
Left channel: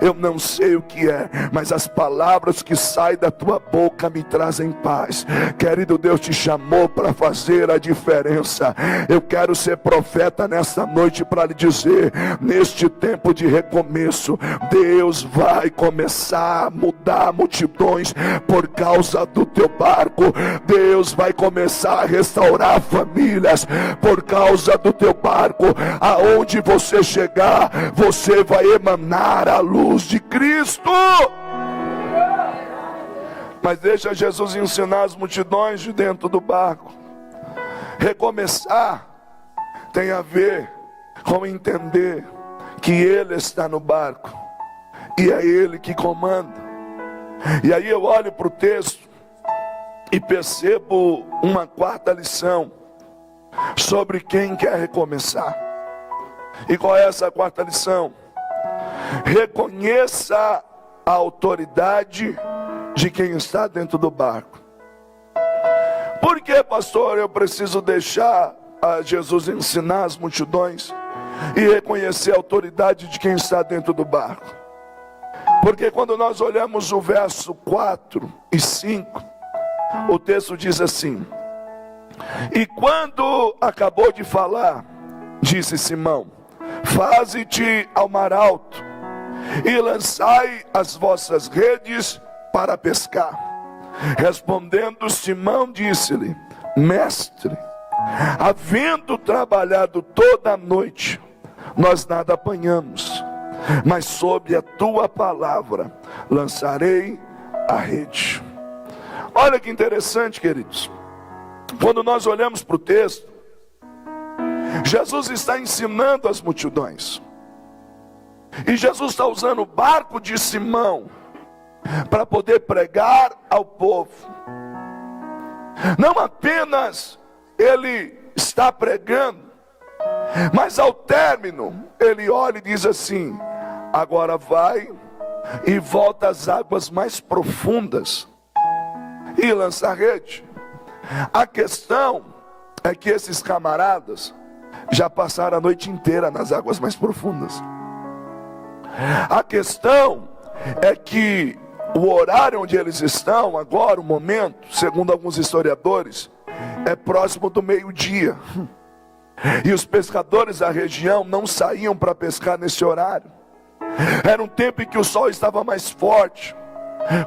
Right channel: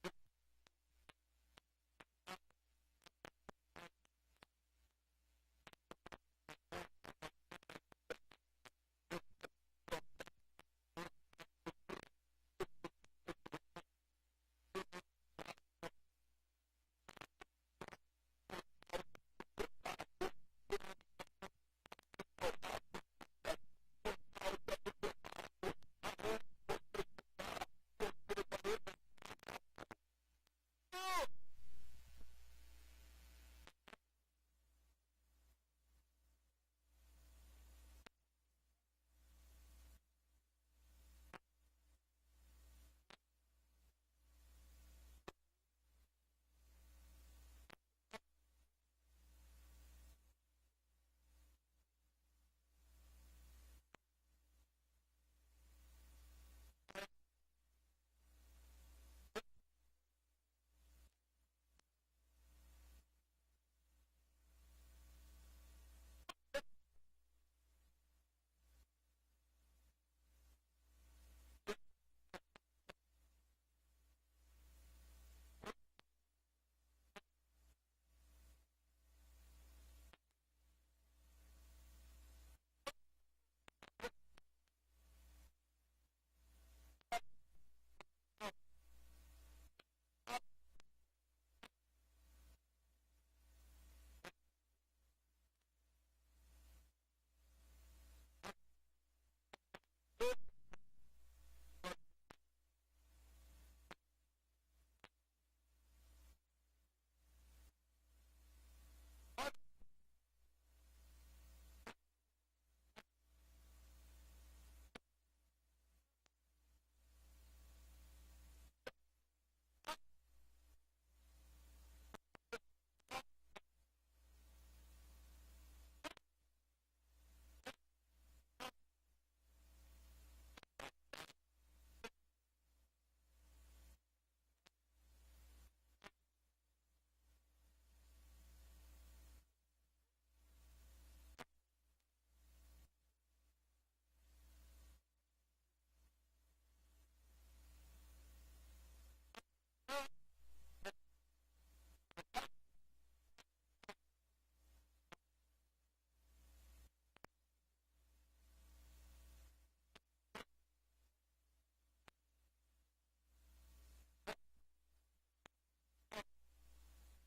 Eu não sei o que é, mas as palavras que saem da tua boca me trazem paz. Querido, Deus te chamou para fazer a diferença. Eu quero ser profeta nesta noite para lhe dizer: neste tempo de recomeço, Deus vai começar a mudar multidões por causa do teu barco. Deus vai começar a restaurar famílias por causa do teu barco. Aonde você chegar, você vai emanar a luz de Cristo. Mas deixa Jesus ensinar as multidões de dentro do barco. Recomeçar tem a ver com entender que Ele está no barco e é Ele que comanda. E aí eu olho para o texto e percebo uma quarta lição sobre quem quer recomeçar. E qual é essa quarta lição? Reconheça a autoridade de quem está dentro do barco. Por que, pastor, eu preciso deixar a Jesus ensinar as multidões e reconhecer a autoridade de quem está dentro do barco? Porque quando nós olhamos o verso 4 e 5, o texto diz assim: e quando acabou de falar, disse Simão: faze-te ao mar alto e lançai as vossas redes para pescar. Respondendo Simão, disse-lhe: mestre, havendo trabalhado toda a noite, nós nada apanhamos, mas sob a tua palavra lançarei a rede. olha que interessante, queridos. Quando nós olhamos para o texto, Jesus está ensinando as multidões. E Jesus está usando o barco de Simão para poder pregar ao povo. Não apenas ele está pregando, mas ao término ele olha e diz assim: agora vai e volta às águas mais profundas e lança a rede. A questão é que esses camaradas já passaram a noite inteira nas águas mais profundas. A questão é que o horário onde eles estão agora, o momento, segundo alguns historiadores, é próximo do meio-dia. E os pescadores da região não saíam para pescar nesse horário. Era um tempo em que o sol estava mais forte.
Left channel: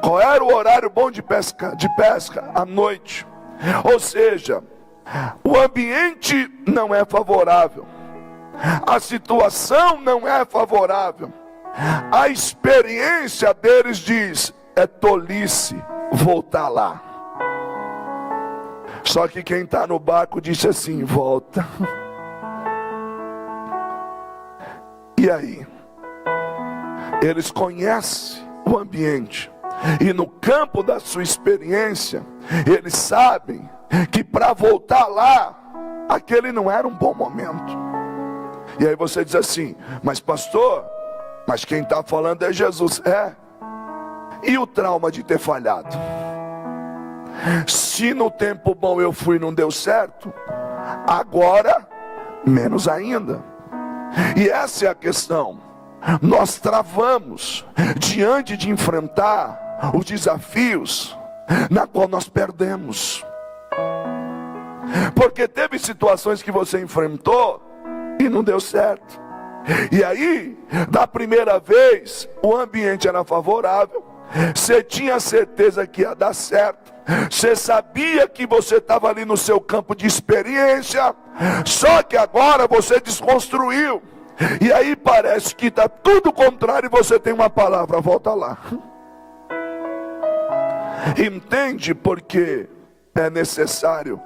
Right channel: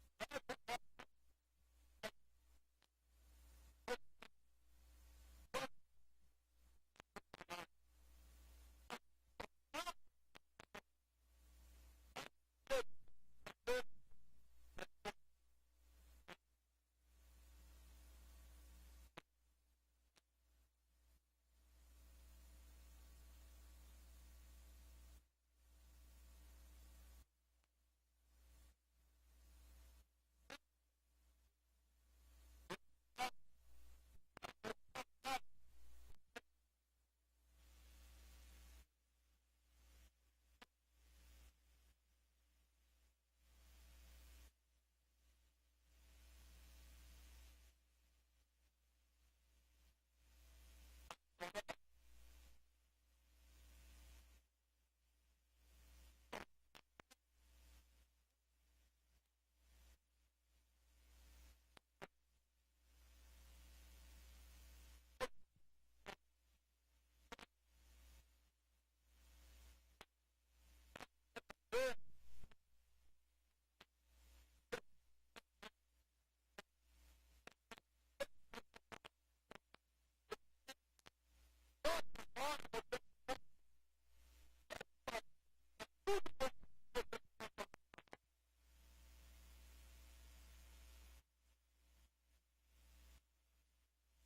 Qual era o horário bom de pesca? À noite. Ou seja, o ambiente não é favorável, a situação não é favorável, a experiência deles diz: é tolice voltar lá. Só que quem está no barco disse assim: volta. E aí? Eles conhecem o ambiente, e no campo da sua experiência, eles sabem que para voltar lá, aquele não era um bom momento. E aí você diz assim: mas pastor, mas quem está falando é Jesus. É. E o trauma de ter falhado? Se no tempo bom eu fui e não deu certo, agora menos ainda. E essa é a questão. Nós travamos diante de enfrentar os desafios na qual nós perdemos. Porque teve situações que você enfrentou e não deu certo. E aí, da primeira vez, o ambiente era favorável, você tinha certeza que ia dar certo, você sabia que você estava ali no seu campo de experiência, só que agora você desconstruiu. E aí parece que está tudo contrário e você tem uma palavra: volta lá. Entende porque é necessário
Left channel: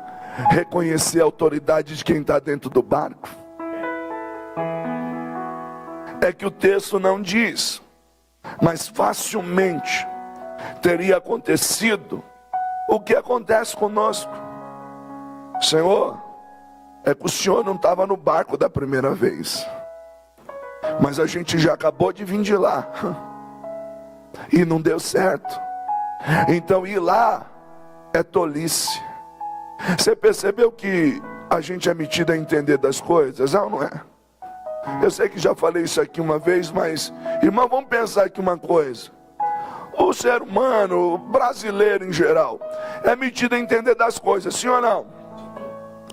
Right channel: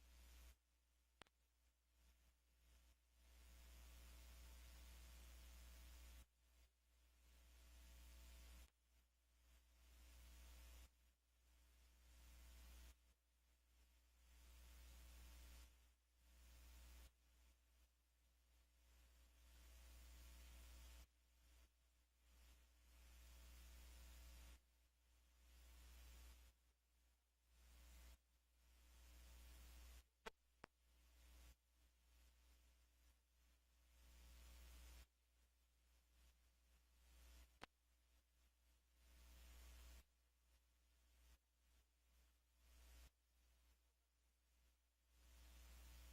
reconhecer a autoridade de quem está dentro do barco? É que o texto não diz, mas facilmente teria acontecido o que acontece conosco. Senhor, é que o Senhor não estava no barco da primeira vez, mas a gente já acabou de vir de lá e não deu certo. Então ir lá é tolice. Você percebeu que a gente é metido a entender das coisas? Não é? Eu sei que já falei isso aqui uma vez, mas irmão, vamos pensar aqui uma coisa. O ser humano, o brasileiro em geral, é metido a entender das coisas, sim ou não?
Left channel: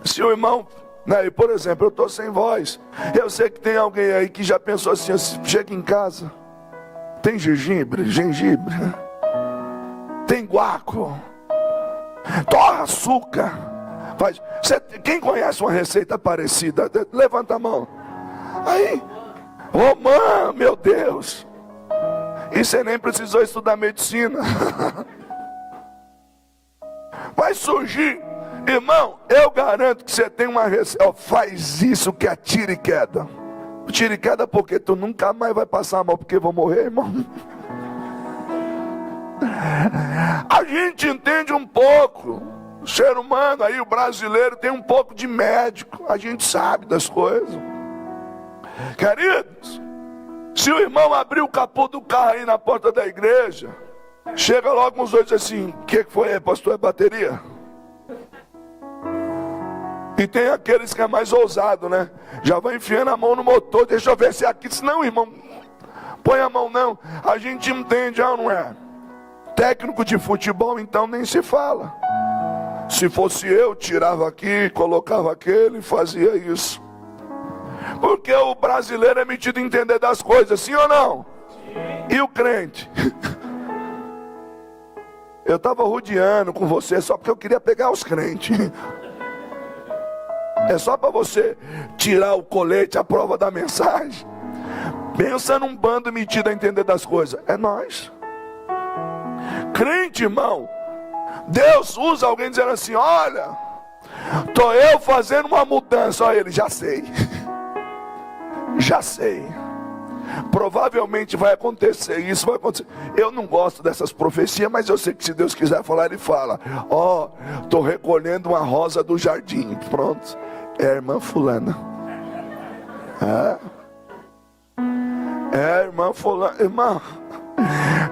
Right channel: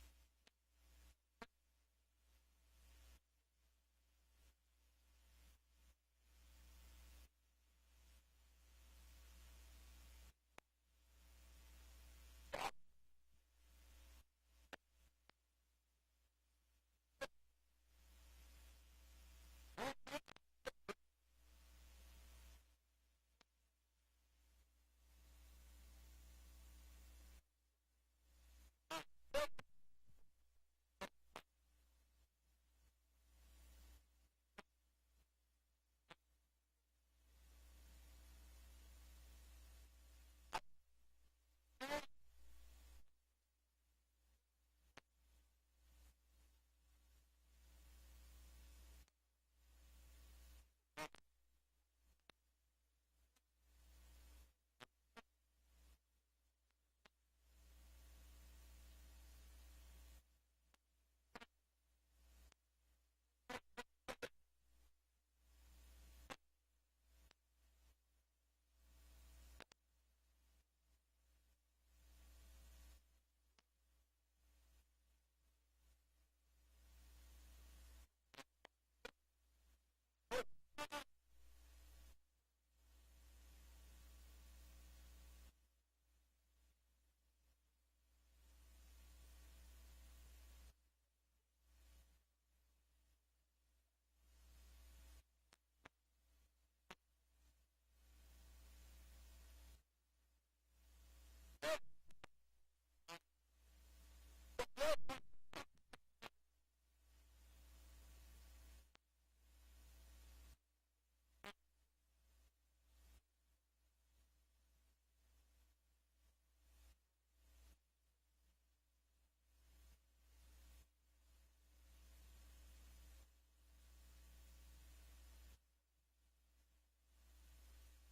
Se o irmão, né, por exemplo, eu estou sem voz, eu sei que tem alguém aí que já pensou assim: chega em casa, tem gengibre, tem guaco, torra açúcar, faz. Quem conhece uma receita parecida? Levanta a mão. Aí, mãe, meu Deus, e você nem precisou estudar medicina. Vai surgir, irmão, eu garanto que você tem uma receita. Faz isso que é tiro e queda. Tiro e queda porque tu nunca mais vai passar mal, porque vou morrer, irmão. A gente entende um pouco. O ser humano aí, o brasileiro, tem um pouco de médico. A gente sabe das coisas. Queridos, se o irmão abrir o capô do carro aí na porta da igreja, chega logo uns dois assim: o que foi aí, pastor? É bateria? E tem aqueles que é mais ousado, né? Já vai enfiando a mão no motor: deixa eu ver se é aqui. Não, irmão, põe a mão não. A gente entende, não é? Técnico de futebol então nem se fala. Se fosse eu, tirava aqui, colocava aquele e fazia isso. Porque o brasileiro é metido a entender das coisas, sim ou não? Sim. E o crente? Eu estava rodeando com você só porque eu queria pegar os crentes. É só para você tirar o colete, a prova da mensagem. Pensa num bando metido a entender das coisas. É nós. Crente, irmão, Deus usa alguém dizendo assim: olha, estou eu fazendo uma mudança. Olha ele, já sei. Já sei. Provavelmente vai acontecer isso, vai acontecer. Eu não gosto dessas profecias, mas eu sei que se Deus quiser falar, Ele fala: ó, estou recolhendo uma rosa do jardim. Pronto, é a irmã fulana. É a irmã fulana. Irmã,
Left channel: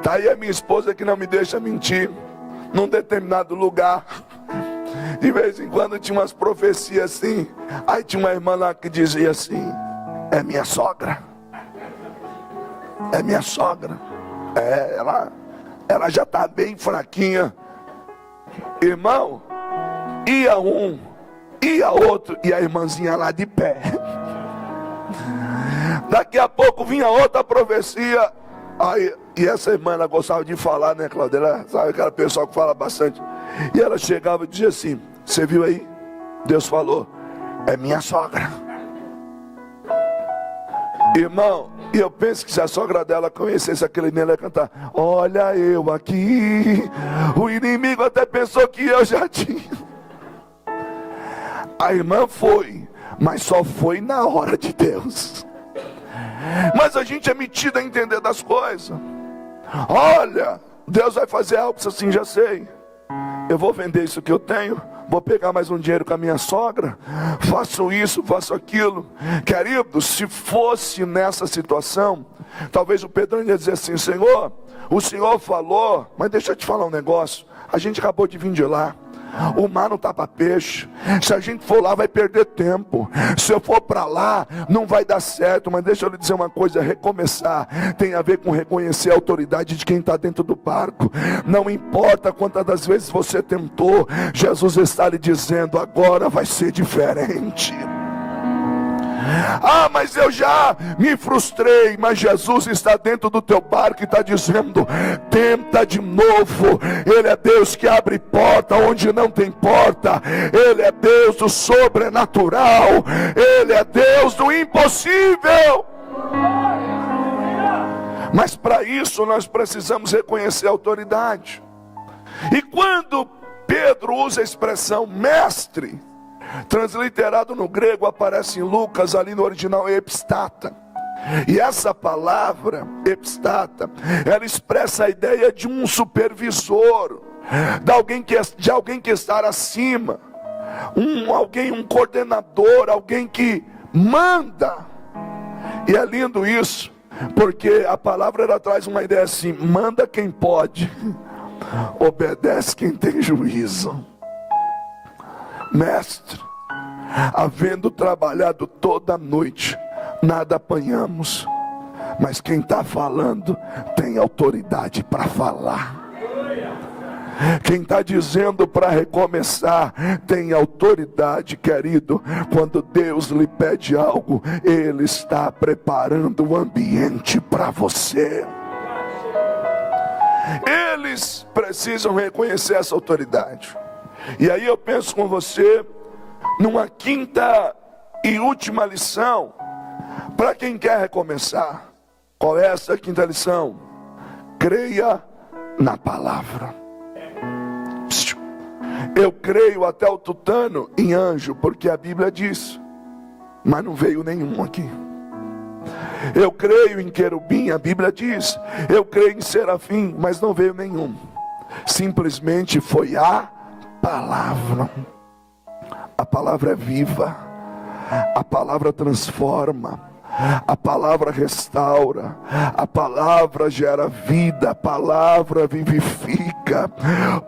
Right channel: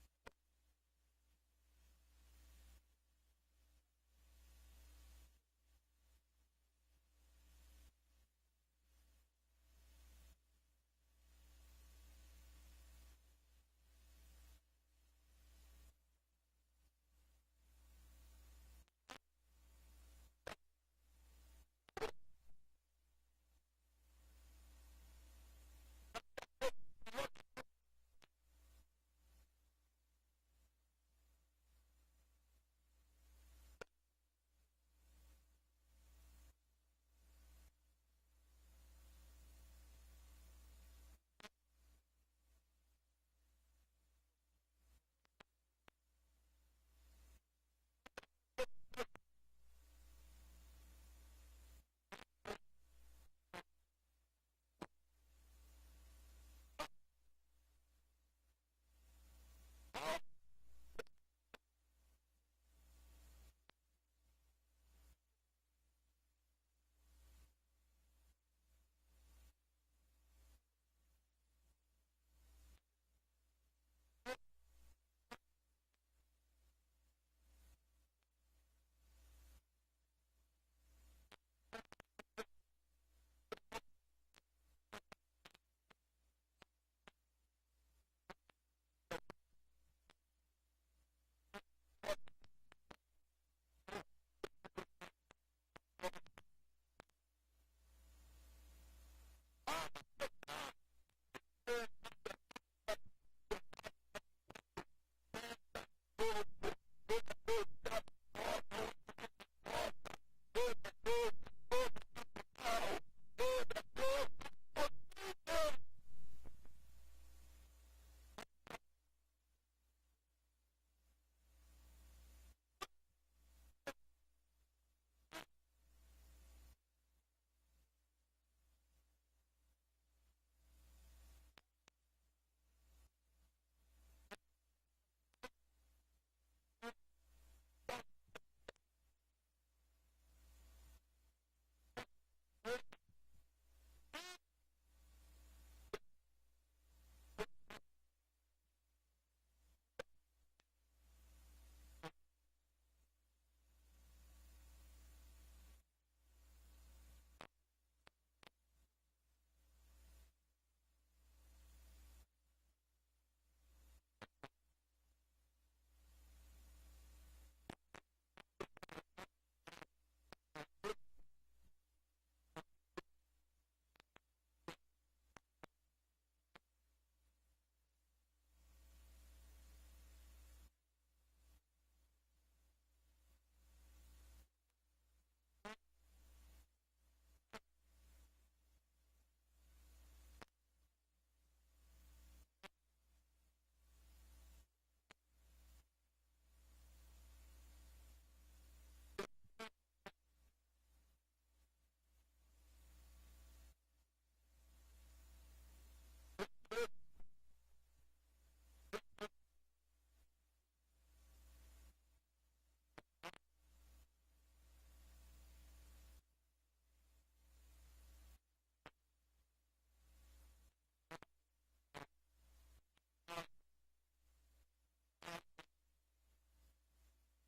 tá aí a minha esposa que não me deixa mentir. Num determinado lugar, de vez em quando tinha umas profecias assim. Aí tinha uma irmã lá que dizia assim: é minha sogra. É minha sogra. Ela já está bem fraquinha. Irmão, ia um, ia outro, e a irmãzinha lá de pé. Daqui a pouco vinha outra profecia. Aí, e essa irmã, ela gostava de falar, né, Cláudia? Ela, sabe aquela pessoa que fala bastante. E ela chegava e dizia assim: você viu aí? Deus falou: é minha sogra. Irmão, e eu penso que se a sogra dela conhecesse aquele menino, ela ia cantar: olha eu aqui. O inimigo até pensou que eu já tinha. A irmã foi, mas só foi na hora de Deus. Mas a gente é metido a entender das coisas. Olha, Deus vai fazer algo assim, já sei. Eu vou vender isso que eu tenho, vou pegar mais um dinheiro com a minha sogra, faço isso, faço aquilo. Querido, se fosse nessa situação, talvez o Pedrão ia dizer assim: Senhor, o Senhor falou, mas deixa eu te falar um negócio, a gente acabou de vir de lá. O mar não está para peixe. Se a gente for lá vai perder tempo. Se eu for para lá não vai dar certo. Mas deixa eu lhe dizer uma coisa: recomeçar tem a ver com reconhecer a autoridade de quem está dentro do barco. Não importa quantas das vezes você tentou, Jesus está lhe dizendo: agora vai ser diferente. Ah, mas eu já me frustrei. Mas Jesus está dentro do teu barco e está dizendo: tenta de novo. Ele é Deus que abre porta onde não tem porta. Ele é Deus do sobrenatural. Ele é Deus do impossível. Mas para isso nós precisamos reconhecer a autoridade. E quando Pedro usa a expressão mestre, transliterado no grego, aparece em Lucas, ali no original é epistata. E essa palavra, epistata, ela expressa a ideia de um supervisor, de alguém que está acima, um coordenador, alguém que manda. E é lindo isso, porque a palavra ela traz uma ideia assim: manda quem pode, obedece quem tem juízo. Mestre, havendo trabalhado toda a noite, nada apanhamos, mas quem está falando tem autoridade para falar. Quem está dizendo para recomeçar tem autoridade, querido. Quando Deus lhe pede algo, Ele está preparando o ambiente para você. Eles precisam reconhecer essa autoridade. E aí eu penso com você numa quinta e última lição para quem quer recomeçar. Qual é essa quinta lição? Creia na palavra. Eu creio até o tutano em anjo, porque a Bíblia diz, mas não veio nenhum aqui. Eu creio em querubim, a Bíblia diz. Eu creio em serafim, mas não veio nenhum. Simplesmente foi a palavra. A palavra é viva, a palavra transforma, a palavra restaura, a palavra gera vida, a palavra vivifica.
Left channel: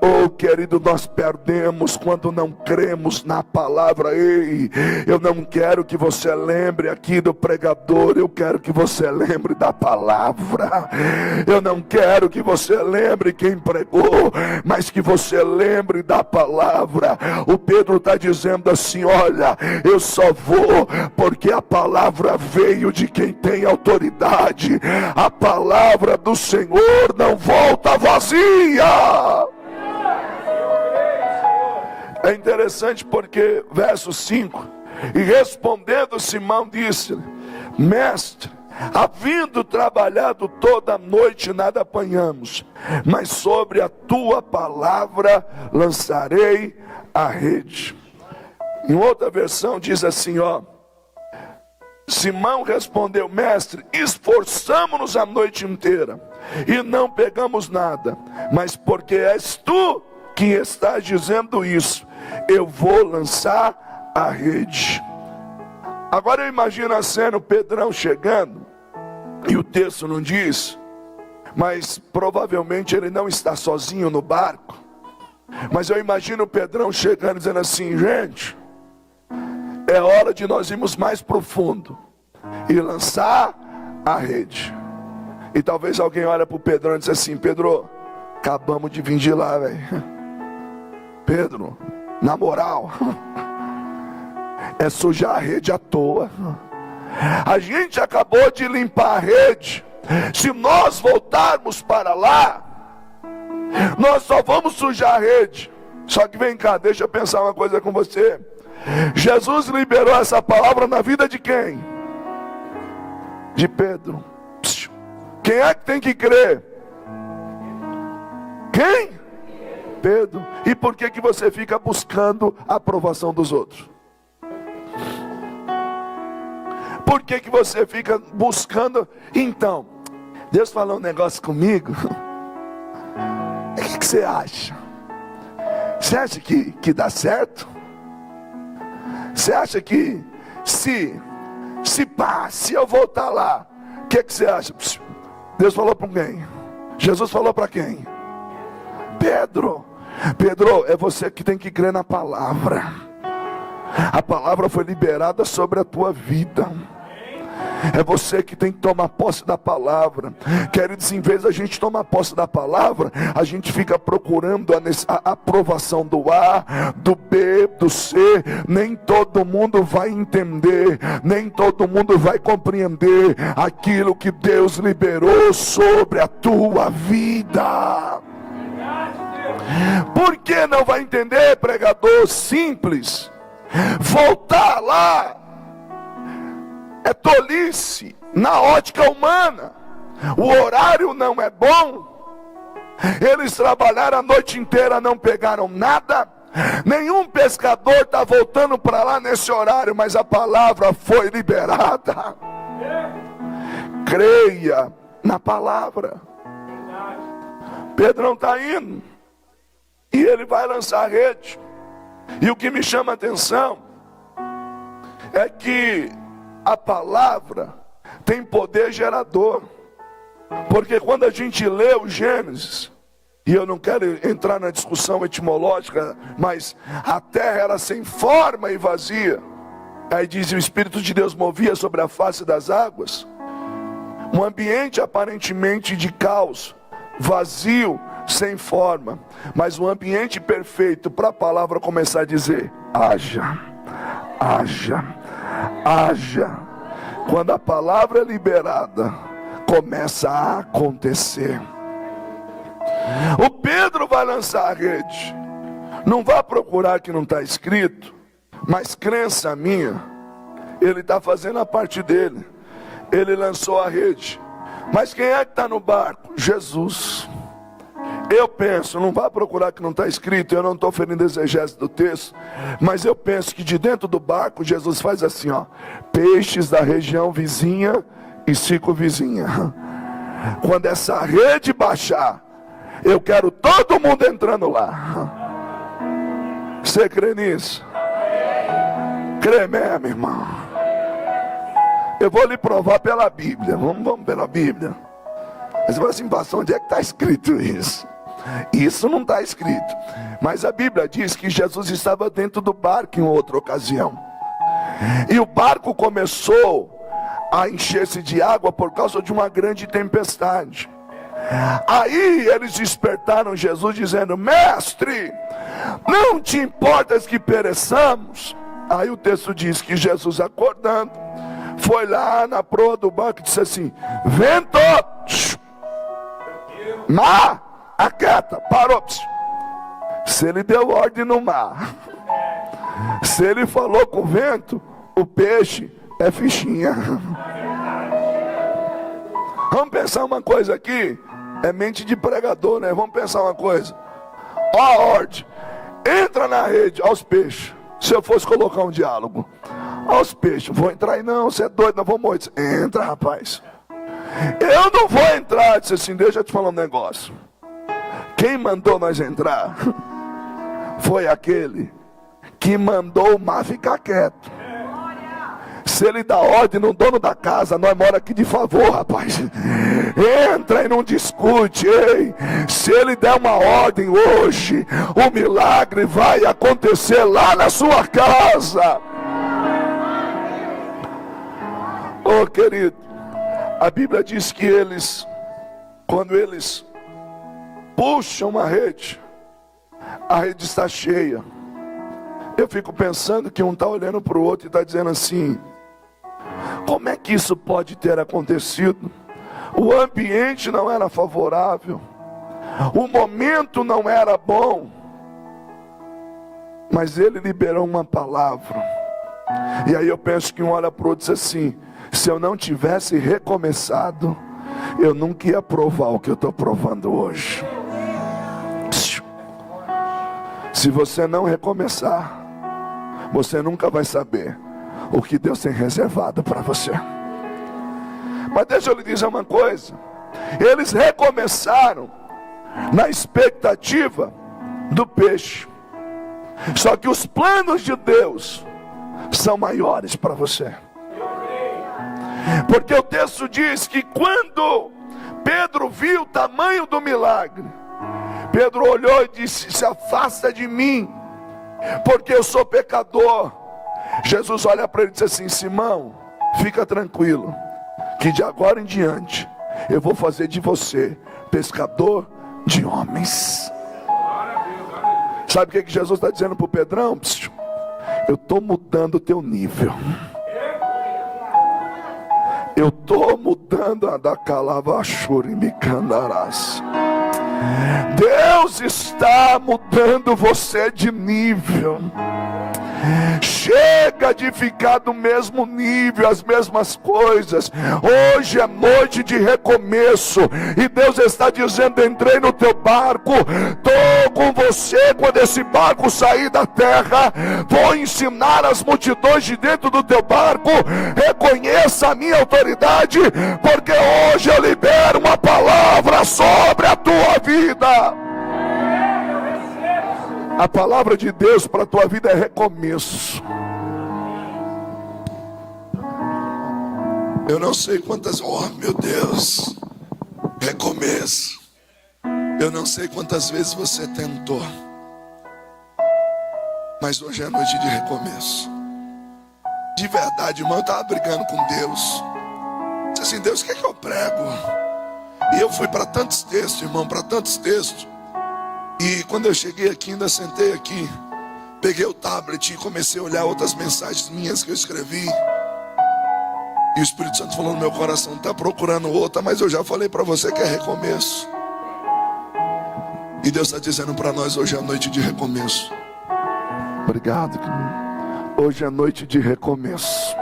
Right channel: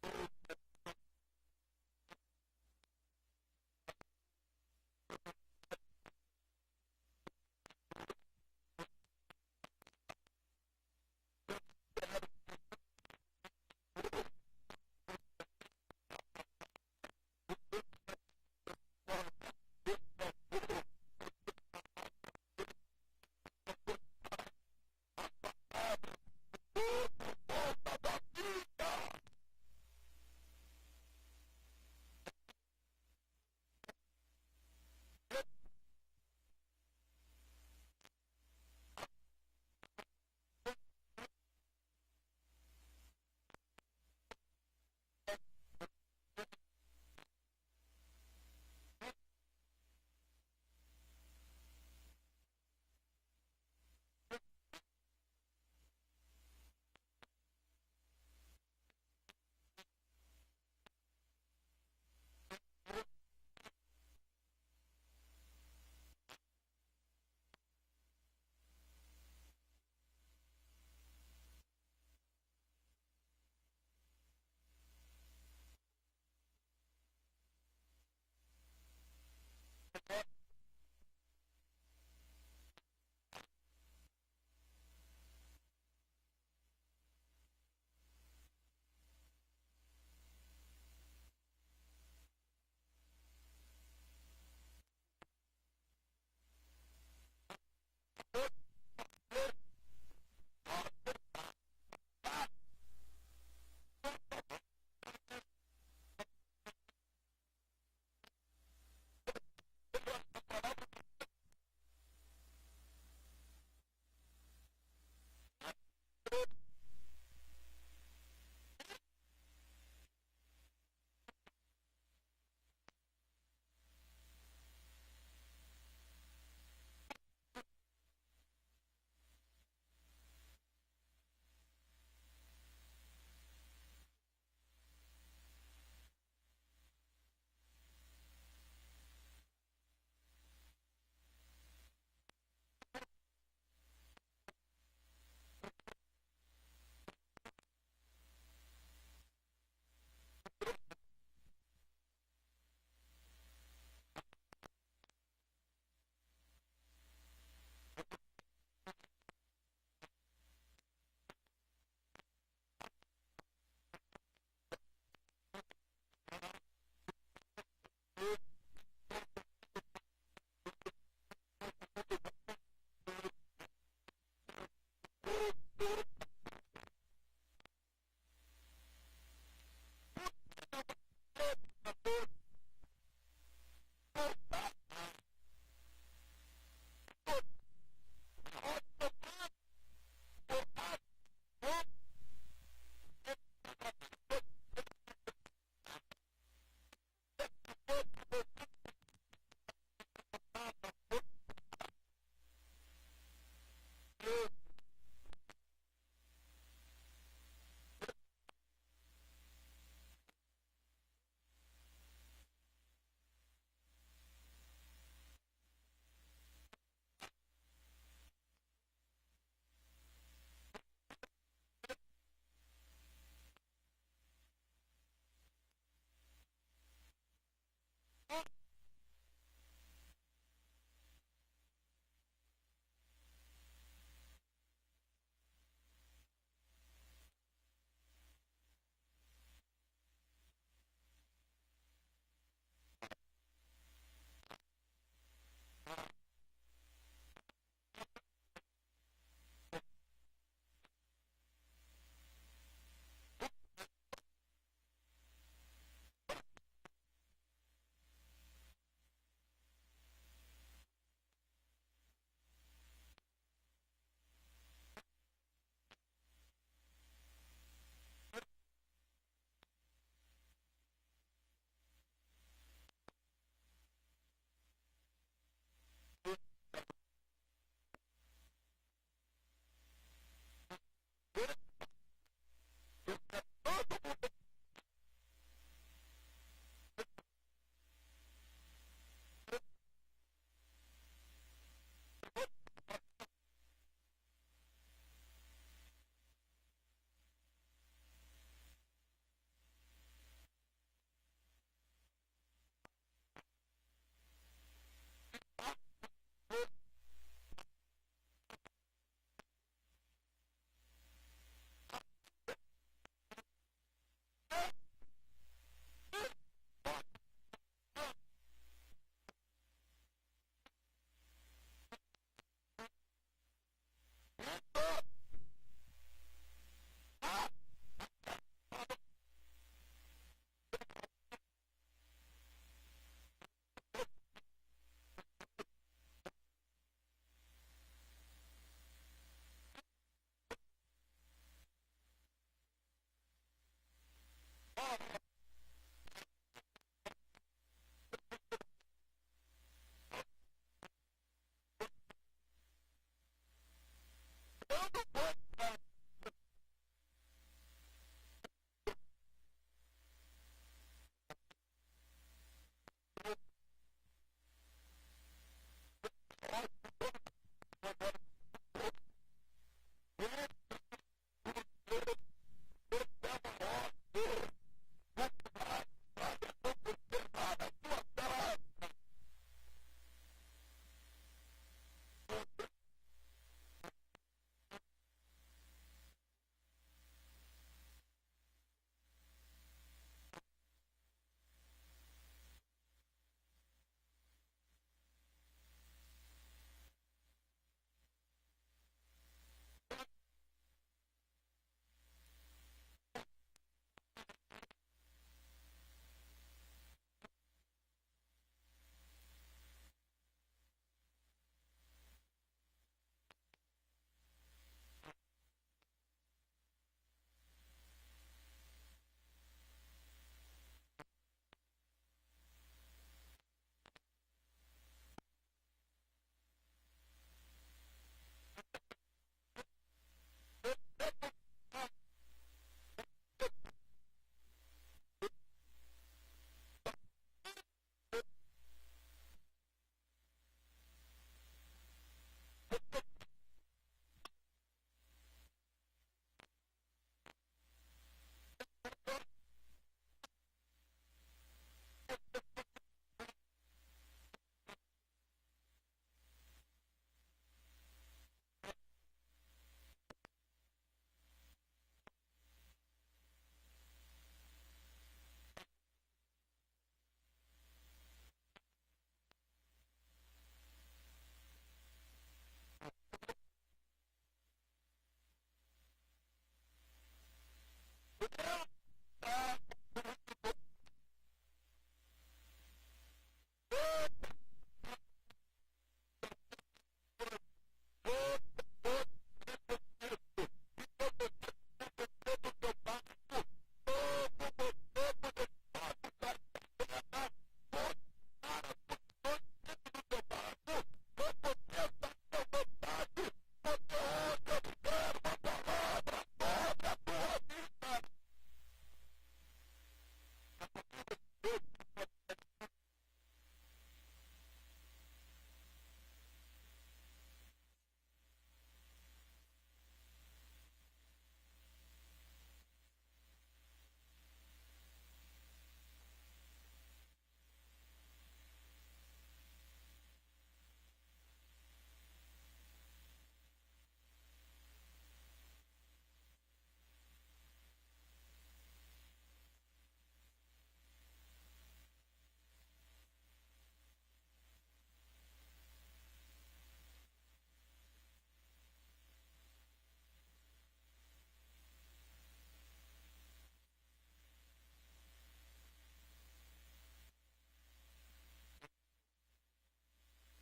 Oh, querido, nós perdemos quando não cremos na palavra. Ei, eu não quero que você lembre aqui do pregador, eu quero que você lembre da palavra. Eu não quero que você lembre quem pregou, mas que você lembre da palavra. O Pedro está dizendo assim: olha, eu só vou porque a palavra veio de quem tem autoridade. A palavra do Senhor não volta vazia. É interessante porque verso 5: e respondendo Simão disse: mestre, Havendo trabalhado toda a noite, nada apanhamos, mas sobre a tua palavra lançarei a rede. Em outra versão diz assim, Simão respondeu: mestre, esforçamo-nos a noite inteira e não pegamos nada, mas porque és tu que estás dizendo isso, eu vou lançar a rede. Agora eu imagino a cena, o Pedrão chegando, e o texto não diz, mas provavelmente ele não está sozinho no barco. Mas eu imagino o Pedrão chegando dizendo assim: gente, é hora de nós irmos mais profundo e lançar a rede. E talvez alguém olhe para o Pedrão e diz assim: Pedro, acabamos de vir de lá, velho. Pedro, na moral, é sujar a rede à toa. A gente acabou de limpar a rede. Se nós voltarmos para lá, nós só vamos sujar a rede. Só que vem cá, deixa eu pensar uma coisa com você. Jesus liberou essa palavra na vida de quem? De Pedro. Quem é que tem que crer? Quem? Pedro. E por que você fica buscando a aprovação dos outros? Por que você fica buscando? Então, Deus falou um negócio comigo. O que você acha? Você acha que dá certo? Você acha que se eu voltar lá, o que você acha? Deus falou para quem? Jesus falou para quem? Pedro. Pedro, é você que tem que crer na palavra. A palavra foi liberada sobre a tua vida. É você que tem que tomar posse da palavra. Queridos, em vez da gente tomar posse da palavra, a gente fica procurando a aprovação do A, do B, do C. Nem todo mundo vai entender, nem todo mundo vai compreender aquilo que Deus liberou sobre a tua vida. Por que não vai entender, pregador? Simples. Voltar lá é tolice na ótica humana. O horário não é bom. Eles trabalharam a noite inteira, não pegaram nada. Nenhum pescador está voltando para lá nesse horário, mas a palavra foi liberada. Creia na palavra. Pedrão está indo e ele vai lançar a rede. E o que me chama a atenção é que a palavra tem poder gerador. Porque quando a gente lê o Gênesis, e eu não quero entrar na discussão etimológica, mas a terra era sem forma e vazia. Aí diz: o Espírito de Deus movia sobre a face das águas. Um ambiente aparentemente de caos, vazio, sem forma, mas um ambiente perfeito para a palavra começar a dizer: haja, haja, haja. Quando a palavra é liberada, começa a acontecer. O Pedro vai lançar a rede. Não vá procurar que não está escrito, mas crença minha, ele está fazendo a parte dele. Ele lançou a rede. Mas quem é que está no barco? Jesus. Eu penso, não vá procurar que não está escrito, eu não estou ferindo exegese do texto, mas eu penso que de dentro do barco, Jesus faz assim, peixes da região vizinha e circunvizinha. Quando essa rede baixar, eu quero todo mundo entrando lá. Você crê nisso? Crê mesmo, irmão? Eu vou lhe provar pela Bíblia. Vamos pela Bíblia. Mas você fala assim: pastor, onde é que está escrito isso? Isso não está escrito. Mas a Bíblia diz que Jesus estava dentro do barco em outra ocasião. E o barco começou a encher-se de água por causa de uma grande tempestade. Aí eles despertaram Jesus dizendo: mestre, não te importas que pereçamos? Aí o texto diz que Jesus, acordando, foi lá na proa do barco e disse assim: vento, mar, aquieta, parou. Se ele deu ordem no mar, se ele falou com o vento, o peixe é fichinha. Vamos pensar uma coisa aqui. É mente de pregador, né? Vamos pensar uma coisa. Ó a ordem. Entra na rede, aos peixes. Se eu fosse colocar um diálogo. Aos peixes. Vou entrar aí não, você é doido, não vou morrer. Entra, rapaz. Eu não vou entrar. Disse assim, deixa eu te falar um negócio. Quem mandou nós entrar foi aquele que mandou o mar ficar quieto. Se ele dá ordem no dono da casa, nós mora aqui de favor, rapaz. Entra e não discute, ei. Se ele der uma ordem hoje, o milagre vai acontecer lá na sua casa. Oh, querido, a Bíblia diz que eles, quando eles puxam a rede está cheia. Eu fico pensando que um está olhando para o outro e está dizendo assim: como é que isso pode ter acontecido? O ambiente não era favorável, o momento não era bom, mas ele liberou uma palavra. E aí eu penso que um olha para o outro e diz assim: se eu não tivesse recomeçado, eu nunca ia provar o que eu estou provando hoje. Se você não recomeçar, você nunca vai saber o que Deus tem reservado para você. Mas deixa eu lhe dizer uma coisa. Eles recomeçaram na expectativa do peixe. Só que os planos de Deus são maiores para você. Porque o texto diz que quando Pedro viu o tamanho do milagre, Pedro olhou e disse: se afasta de mim, porque eu sou pecador. Jesus olha para ele e diz assim: Simão, fica tranquilo, que de agora em diante eu vou fazer de você pescador de homens. Sabe o que Jesus está dizendo para o Pedrão? Eu estou mudando o teu nível. Eu estou mudando a da calavachura e me candarás. Deus está mudando você de nível. Chega de ficar do mesmo nível, as mesmas coisas. Hoje é noite de recomeço, e Deus está dizendo: entrei no teu barco, estou com você quando esse barco sair da terra. Vou ensinar as multidões de dentro do teu barco. Reconheça a minha autoridade, porque hoje eu libero uma palavra sobre a tua vida. A palavra de Deus para a tua vida é recomeço. Eu não sei quantas... Oh, meu Deus! Recomeço. Eu não sei quantas vezes você tentou, mas hoje é noite de recomeço. De verdade, irmão, eu estava brigando com Deus. Disse assim: Deus, o que é que eu prego? E eu fui para tantos textos, irmão, para tantos textos. E quando eu cheguei aqui, ainda sentei aqui, peguei o tablet e comecei a olhar outras mensagens minhas que eu escrevi. E o Espírito Santo falou no meu coração: está procurando outra, mas eu já falei para você que é recomeço. E Deus está dizendo para nós: hoje é noite de recomeço. Obrigado. Hoje é noite de recomeço.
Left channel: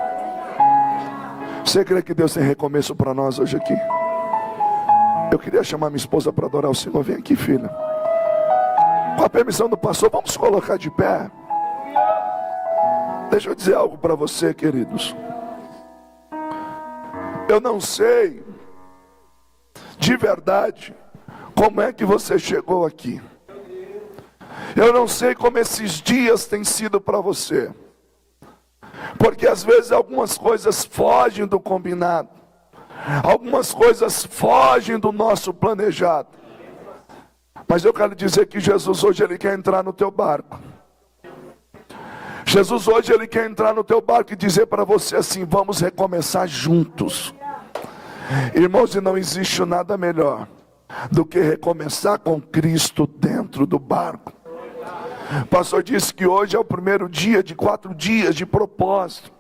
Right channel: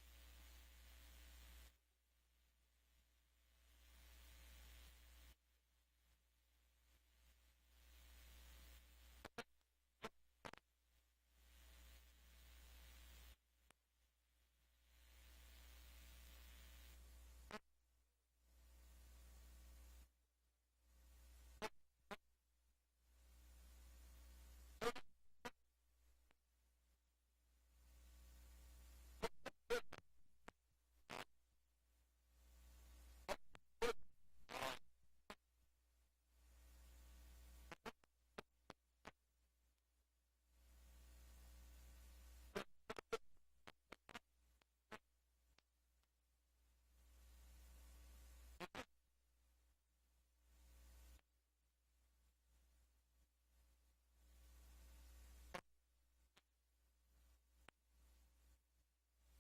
Você crê que Deus tem recomeço para nós hoje aqui? Eu queria chamar minha esposa para adorar o Senhor. Vem aqui, filha. Com a permissão do pastor, vamos colocar de pé. Deixa eu dizer algo para você, queridos. Eu não sei, de verdade, como é que você chegou aqui. Eu não sei como esses dias têm sido para você. Porque às vezes algumas coisas fogem do combinado. Algumas coisas fogem do nosso planejado. Mas eu quero dizer que Jesus hoje ele quer entrar no teu barco. Jesus hoje ele quer entrar no teu barco e dizer para você assim: vamos recomeçar juntos. Irmãos, e não existe nada melhor do que recomeçar com Cristo dentro do barco. O pastor disse que hoje é o primeiro dia de 4 dias de propósito.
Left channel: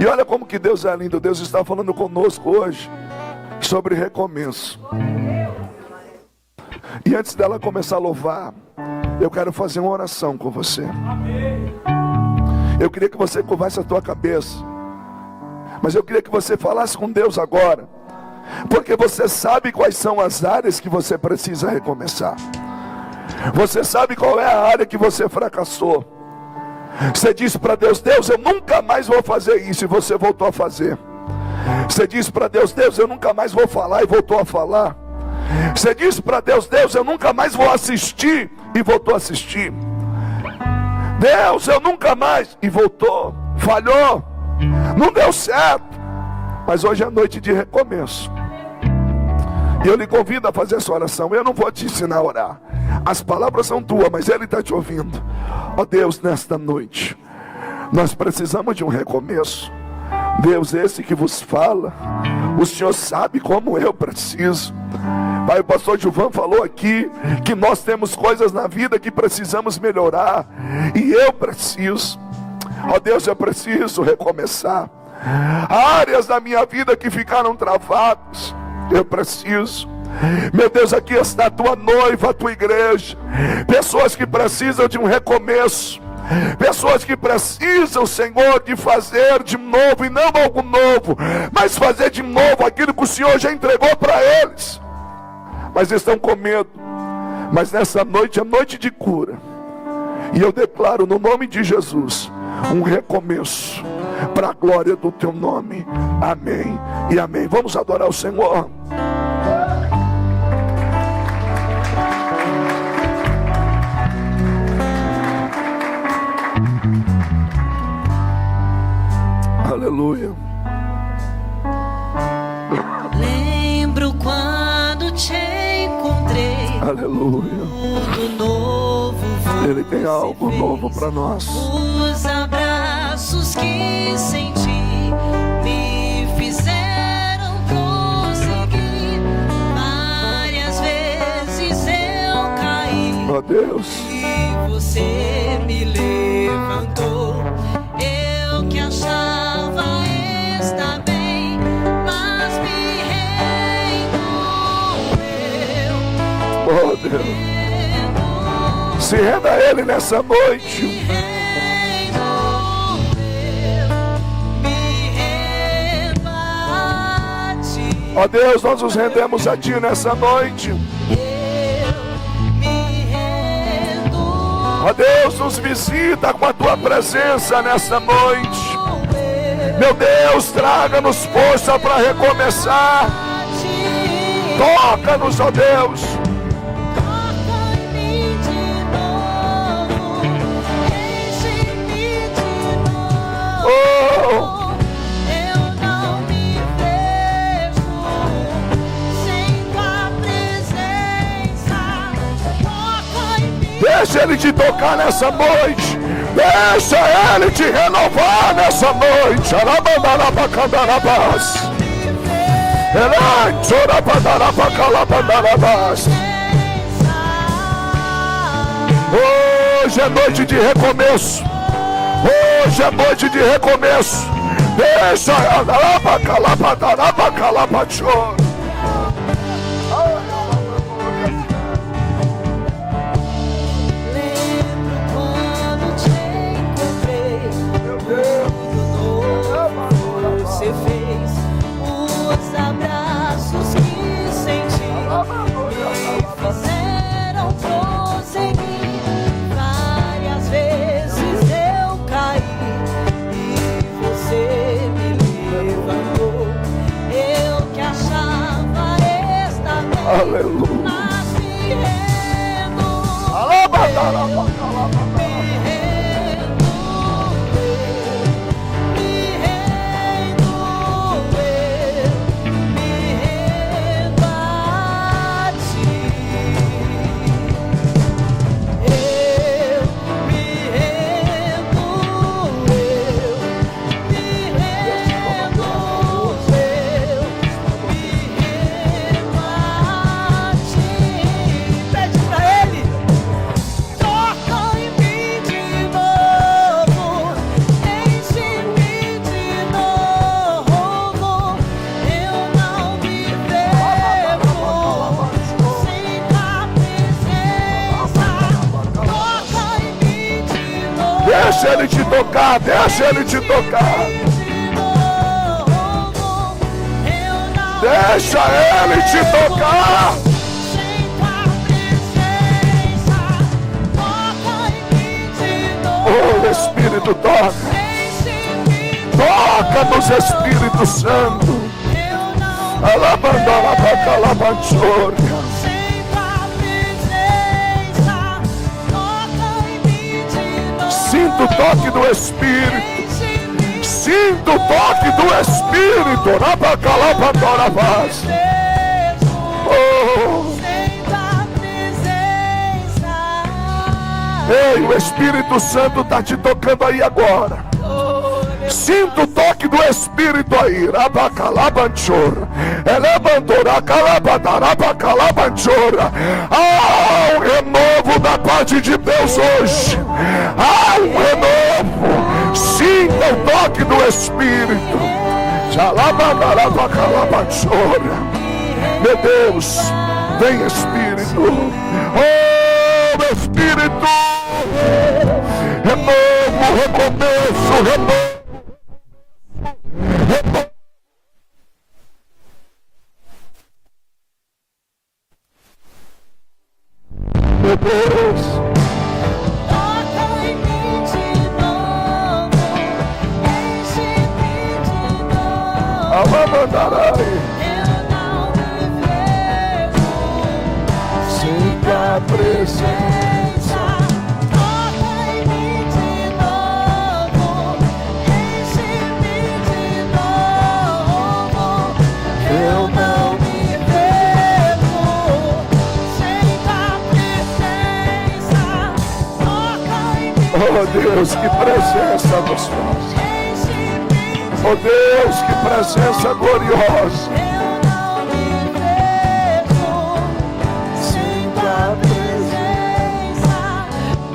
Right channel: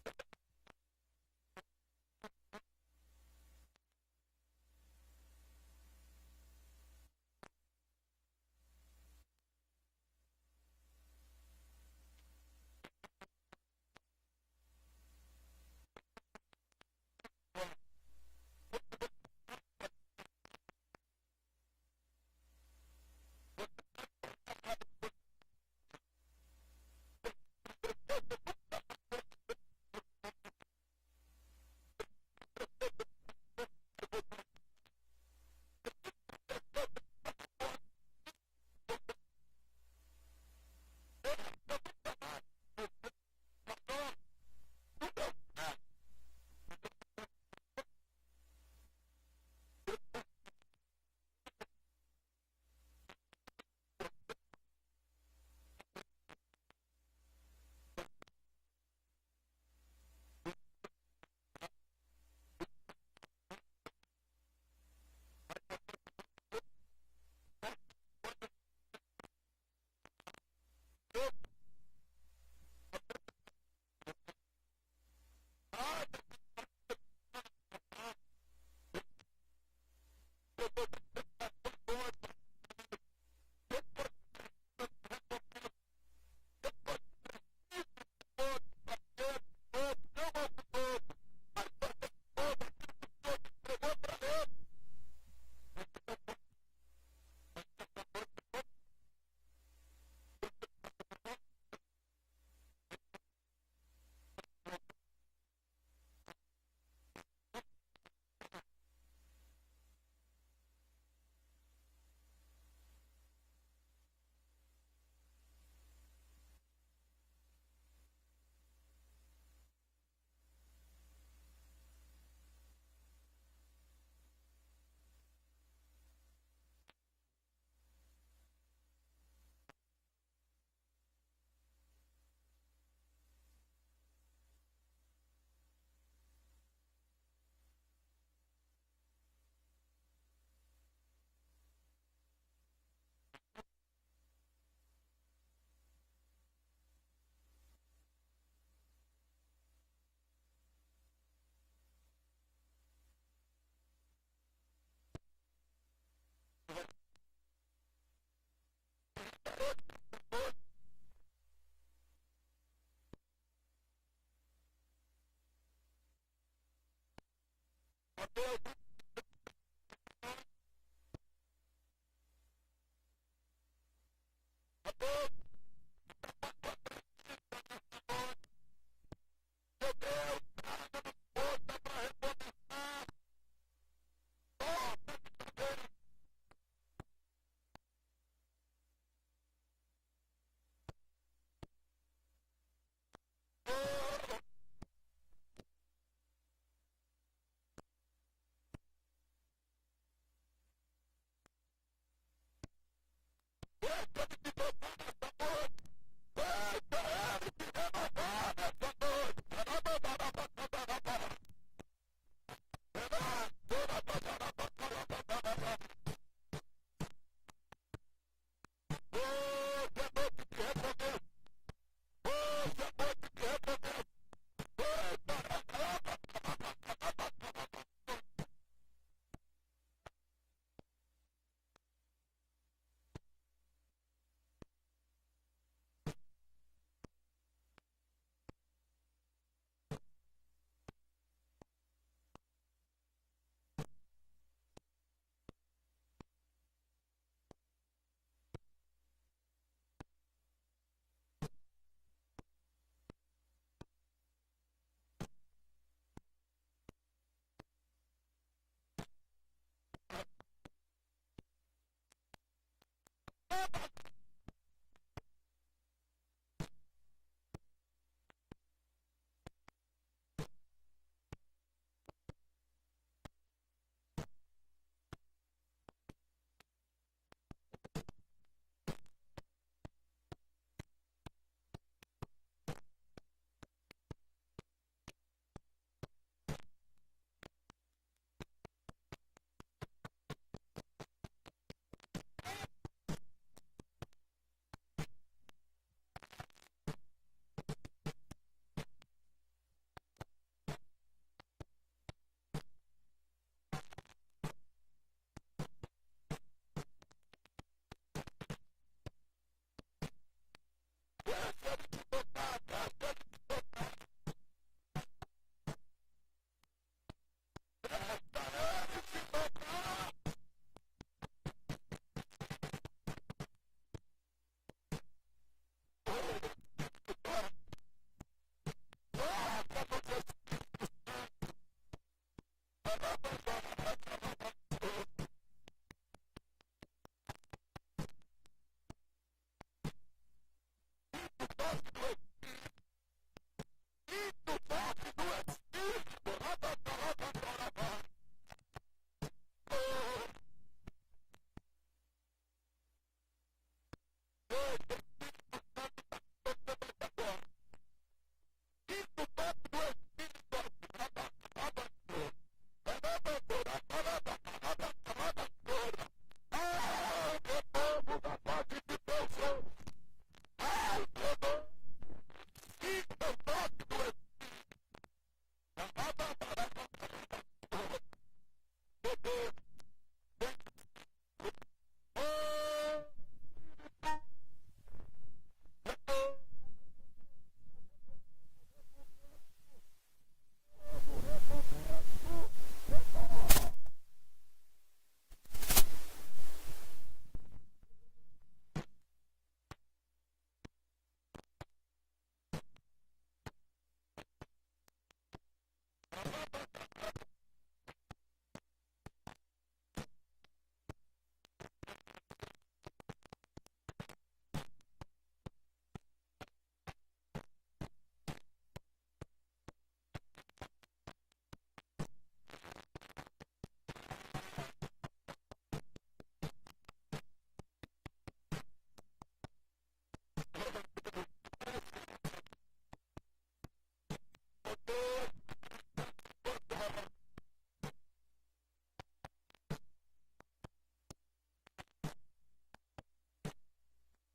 E olha como que Deus é lindo. Deus está falando conosco hoje sobre recomeço. E antes dela começar a louvar, eu quero fazer uma oração com você. Eu queria que você curvasse a tua cabeça, mas eu queria que você falasse com Deus agora Porque você sabe quais são as áreas que você precisa recomeçar. Você sabe qual é a área que você fracassou. Você diz para Deus: Deus, eu nunca mais vou fazer isso, e você voltou a fazer. Você diz para Deus: Deus, eu nunca mais vou falar, e voltou a falar. Você diz para Deus: Deus, eu nunca mais vou assistir, e voltou a assistir. Deus, eu nunca mais, e voltou, falhou, não deu certo. Mas hoje é noite de recomeço, e eu lhe convido a fazer essa oração. Eu não vou te ensinar a orar, as palavras são tuas, mas Ele está te ouvindo. Ó Deus, nesta noite nós precisamos de um recomeço. Deus, esse que vos fala, o Senhor sabe como eu preciso. Pai, o pastor Gilvan falou aqui que nós temos coisas na vida que precisamos melhorar, e eu preciso. Ó Deus, eu preciso recomeçar. Áreas da minha vida que ficaram travadas, eu preciso. Meu Deus, aqui está a tua noiva, a tua igreja, pessoas que precisam de um recomeço, pessoas que precisam, Senhor, de fazer de novo, e não algo novo, mas fazer de novo aquilo que o Senhor já entregou para eles, mas estão com medo. Mas nessa noite é noite de cura, e eu declaro no nome de Jesus um recomeço para a glória do teu nome. Amém e amém. Vamos adorar o Senhor. Aleluia. Lembro quando te encontrei. Aleluia. Tudo novo. Ele tem algo novo para nós. Os abraços que senti me fizeram prosseguir. Várias vezes eu caí. Ó Deus. E você me levantou. Eu que achava estar bem, mas me remoeu. Oh Deus. Se renda a Ele nessa noite. Ó Deus, nós nos rendemos a Ti nessa noite. Ó Deus, nos visita com a Tua presença nessa noite. Meu Deus, traga-nos força para recomeçar. Toca-nos, ó Deus. Deixa Ele te tocar nessa noite. Deixa Ele te renovar nessa noite. Hoje é noite de recomeço. Hoje é noite de recomeço. Deixa aleluia. Deixa Ele te tocar, deixa Ele te tocar. Deixa Ele te tocar. Oh, Espírito, toca. Toca nos Espírito Santo. Alabandora pra calabanchoria. Sinto o toque do Espírito. Sinto o toque do Espírito. Rabacalabandora vaz. Oh. Ei, o Espírito Santo está te tocando aí agora. Sinto o toque do Espírito aí. Rabacalabanchora. Elebandora calabadarabacalambanchora. Ah, um renovo da parte de Deus hoje. Ah, um renovo. Sinta o toque do Espírito. Jalabandarabacalambanchora. Meu Deus, vem Espírito. Oh, meu Espírito. Renovo, recomeço, renovo. Meu Deus, toca em mim de novo, enche-me de novo. Alabandarai, Eu não me vejo sem tua presença. Toca em mim de novo, enche-me de novo. Eu não me vejo sem tua presença. Toca em mim. Oh Deus, que presença gostosa. Oh Deus, que presença gloriosa. Eu não me vejo sem tua presença.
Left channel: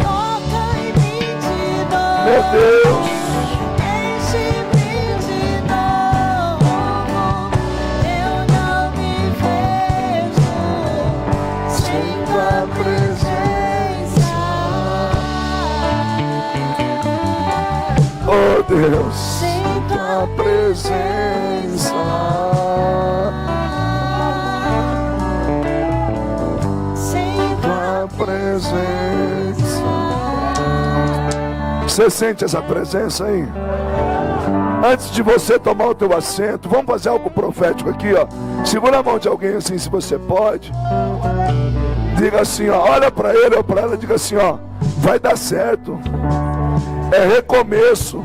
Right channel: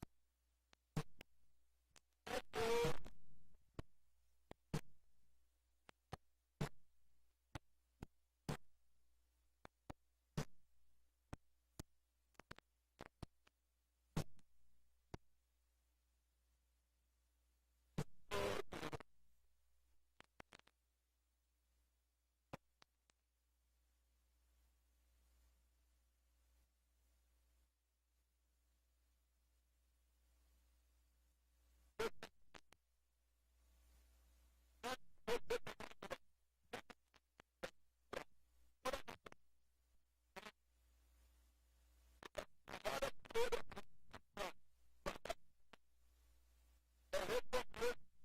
Toca em mim de novo. Meu Deus, Enche-me de novo. Eu não me vejo sem tua presença. oh Deus, Sem tua presença. Sem tua Tua presença. Você sente essa presença aí? Antes de você tomar o teu assento, vamos fazer algo profético aqui, ó. Segura a mão de alguém assim, se você pode. Diga assim, ó, olha para ele ou para ela, diga assim, ó, vai dar certo. É recomeço.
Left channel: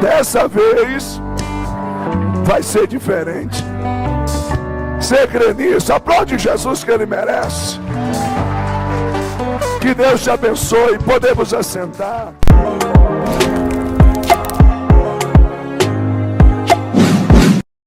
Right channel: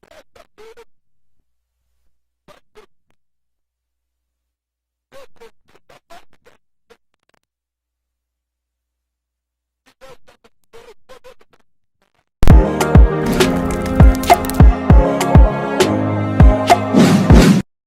Dessa vez vai ser diferente. Você crê nisso? Aplaude Jesus que Ele merece. Que Deus te abençoe. Podemos assentar.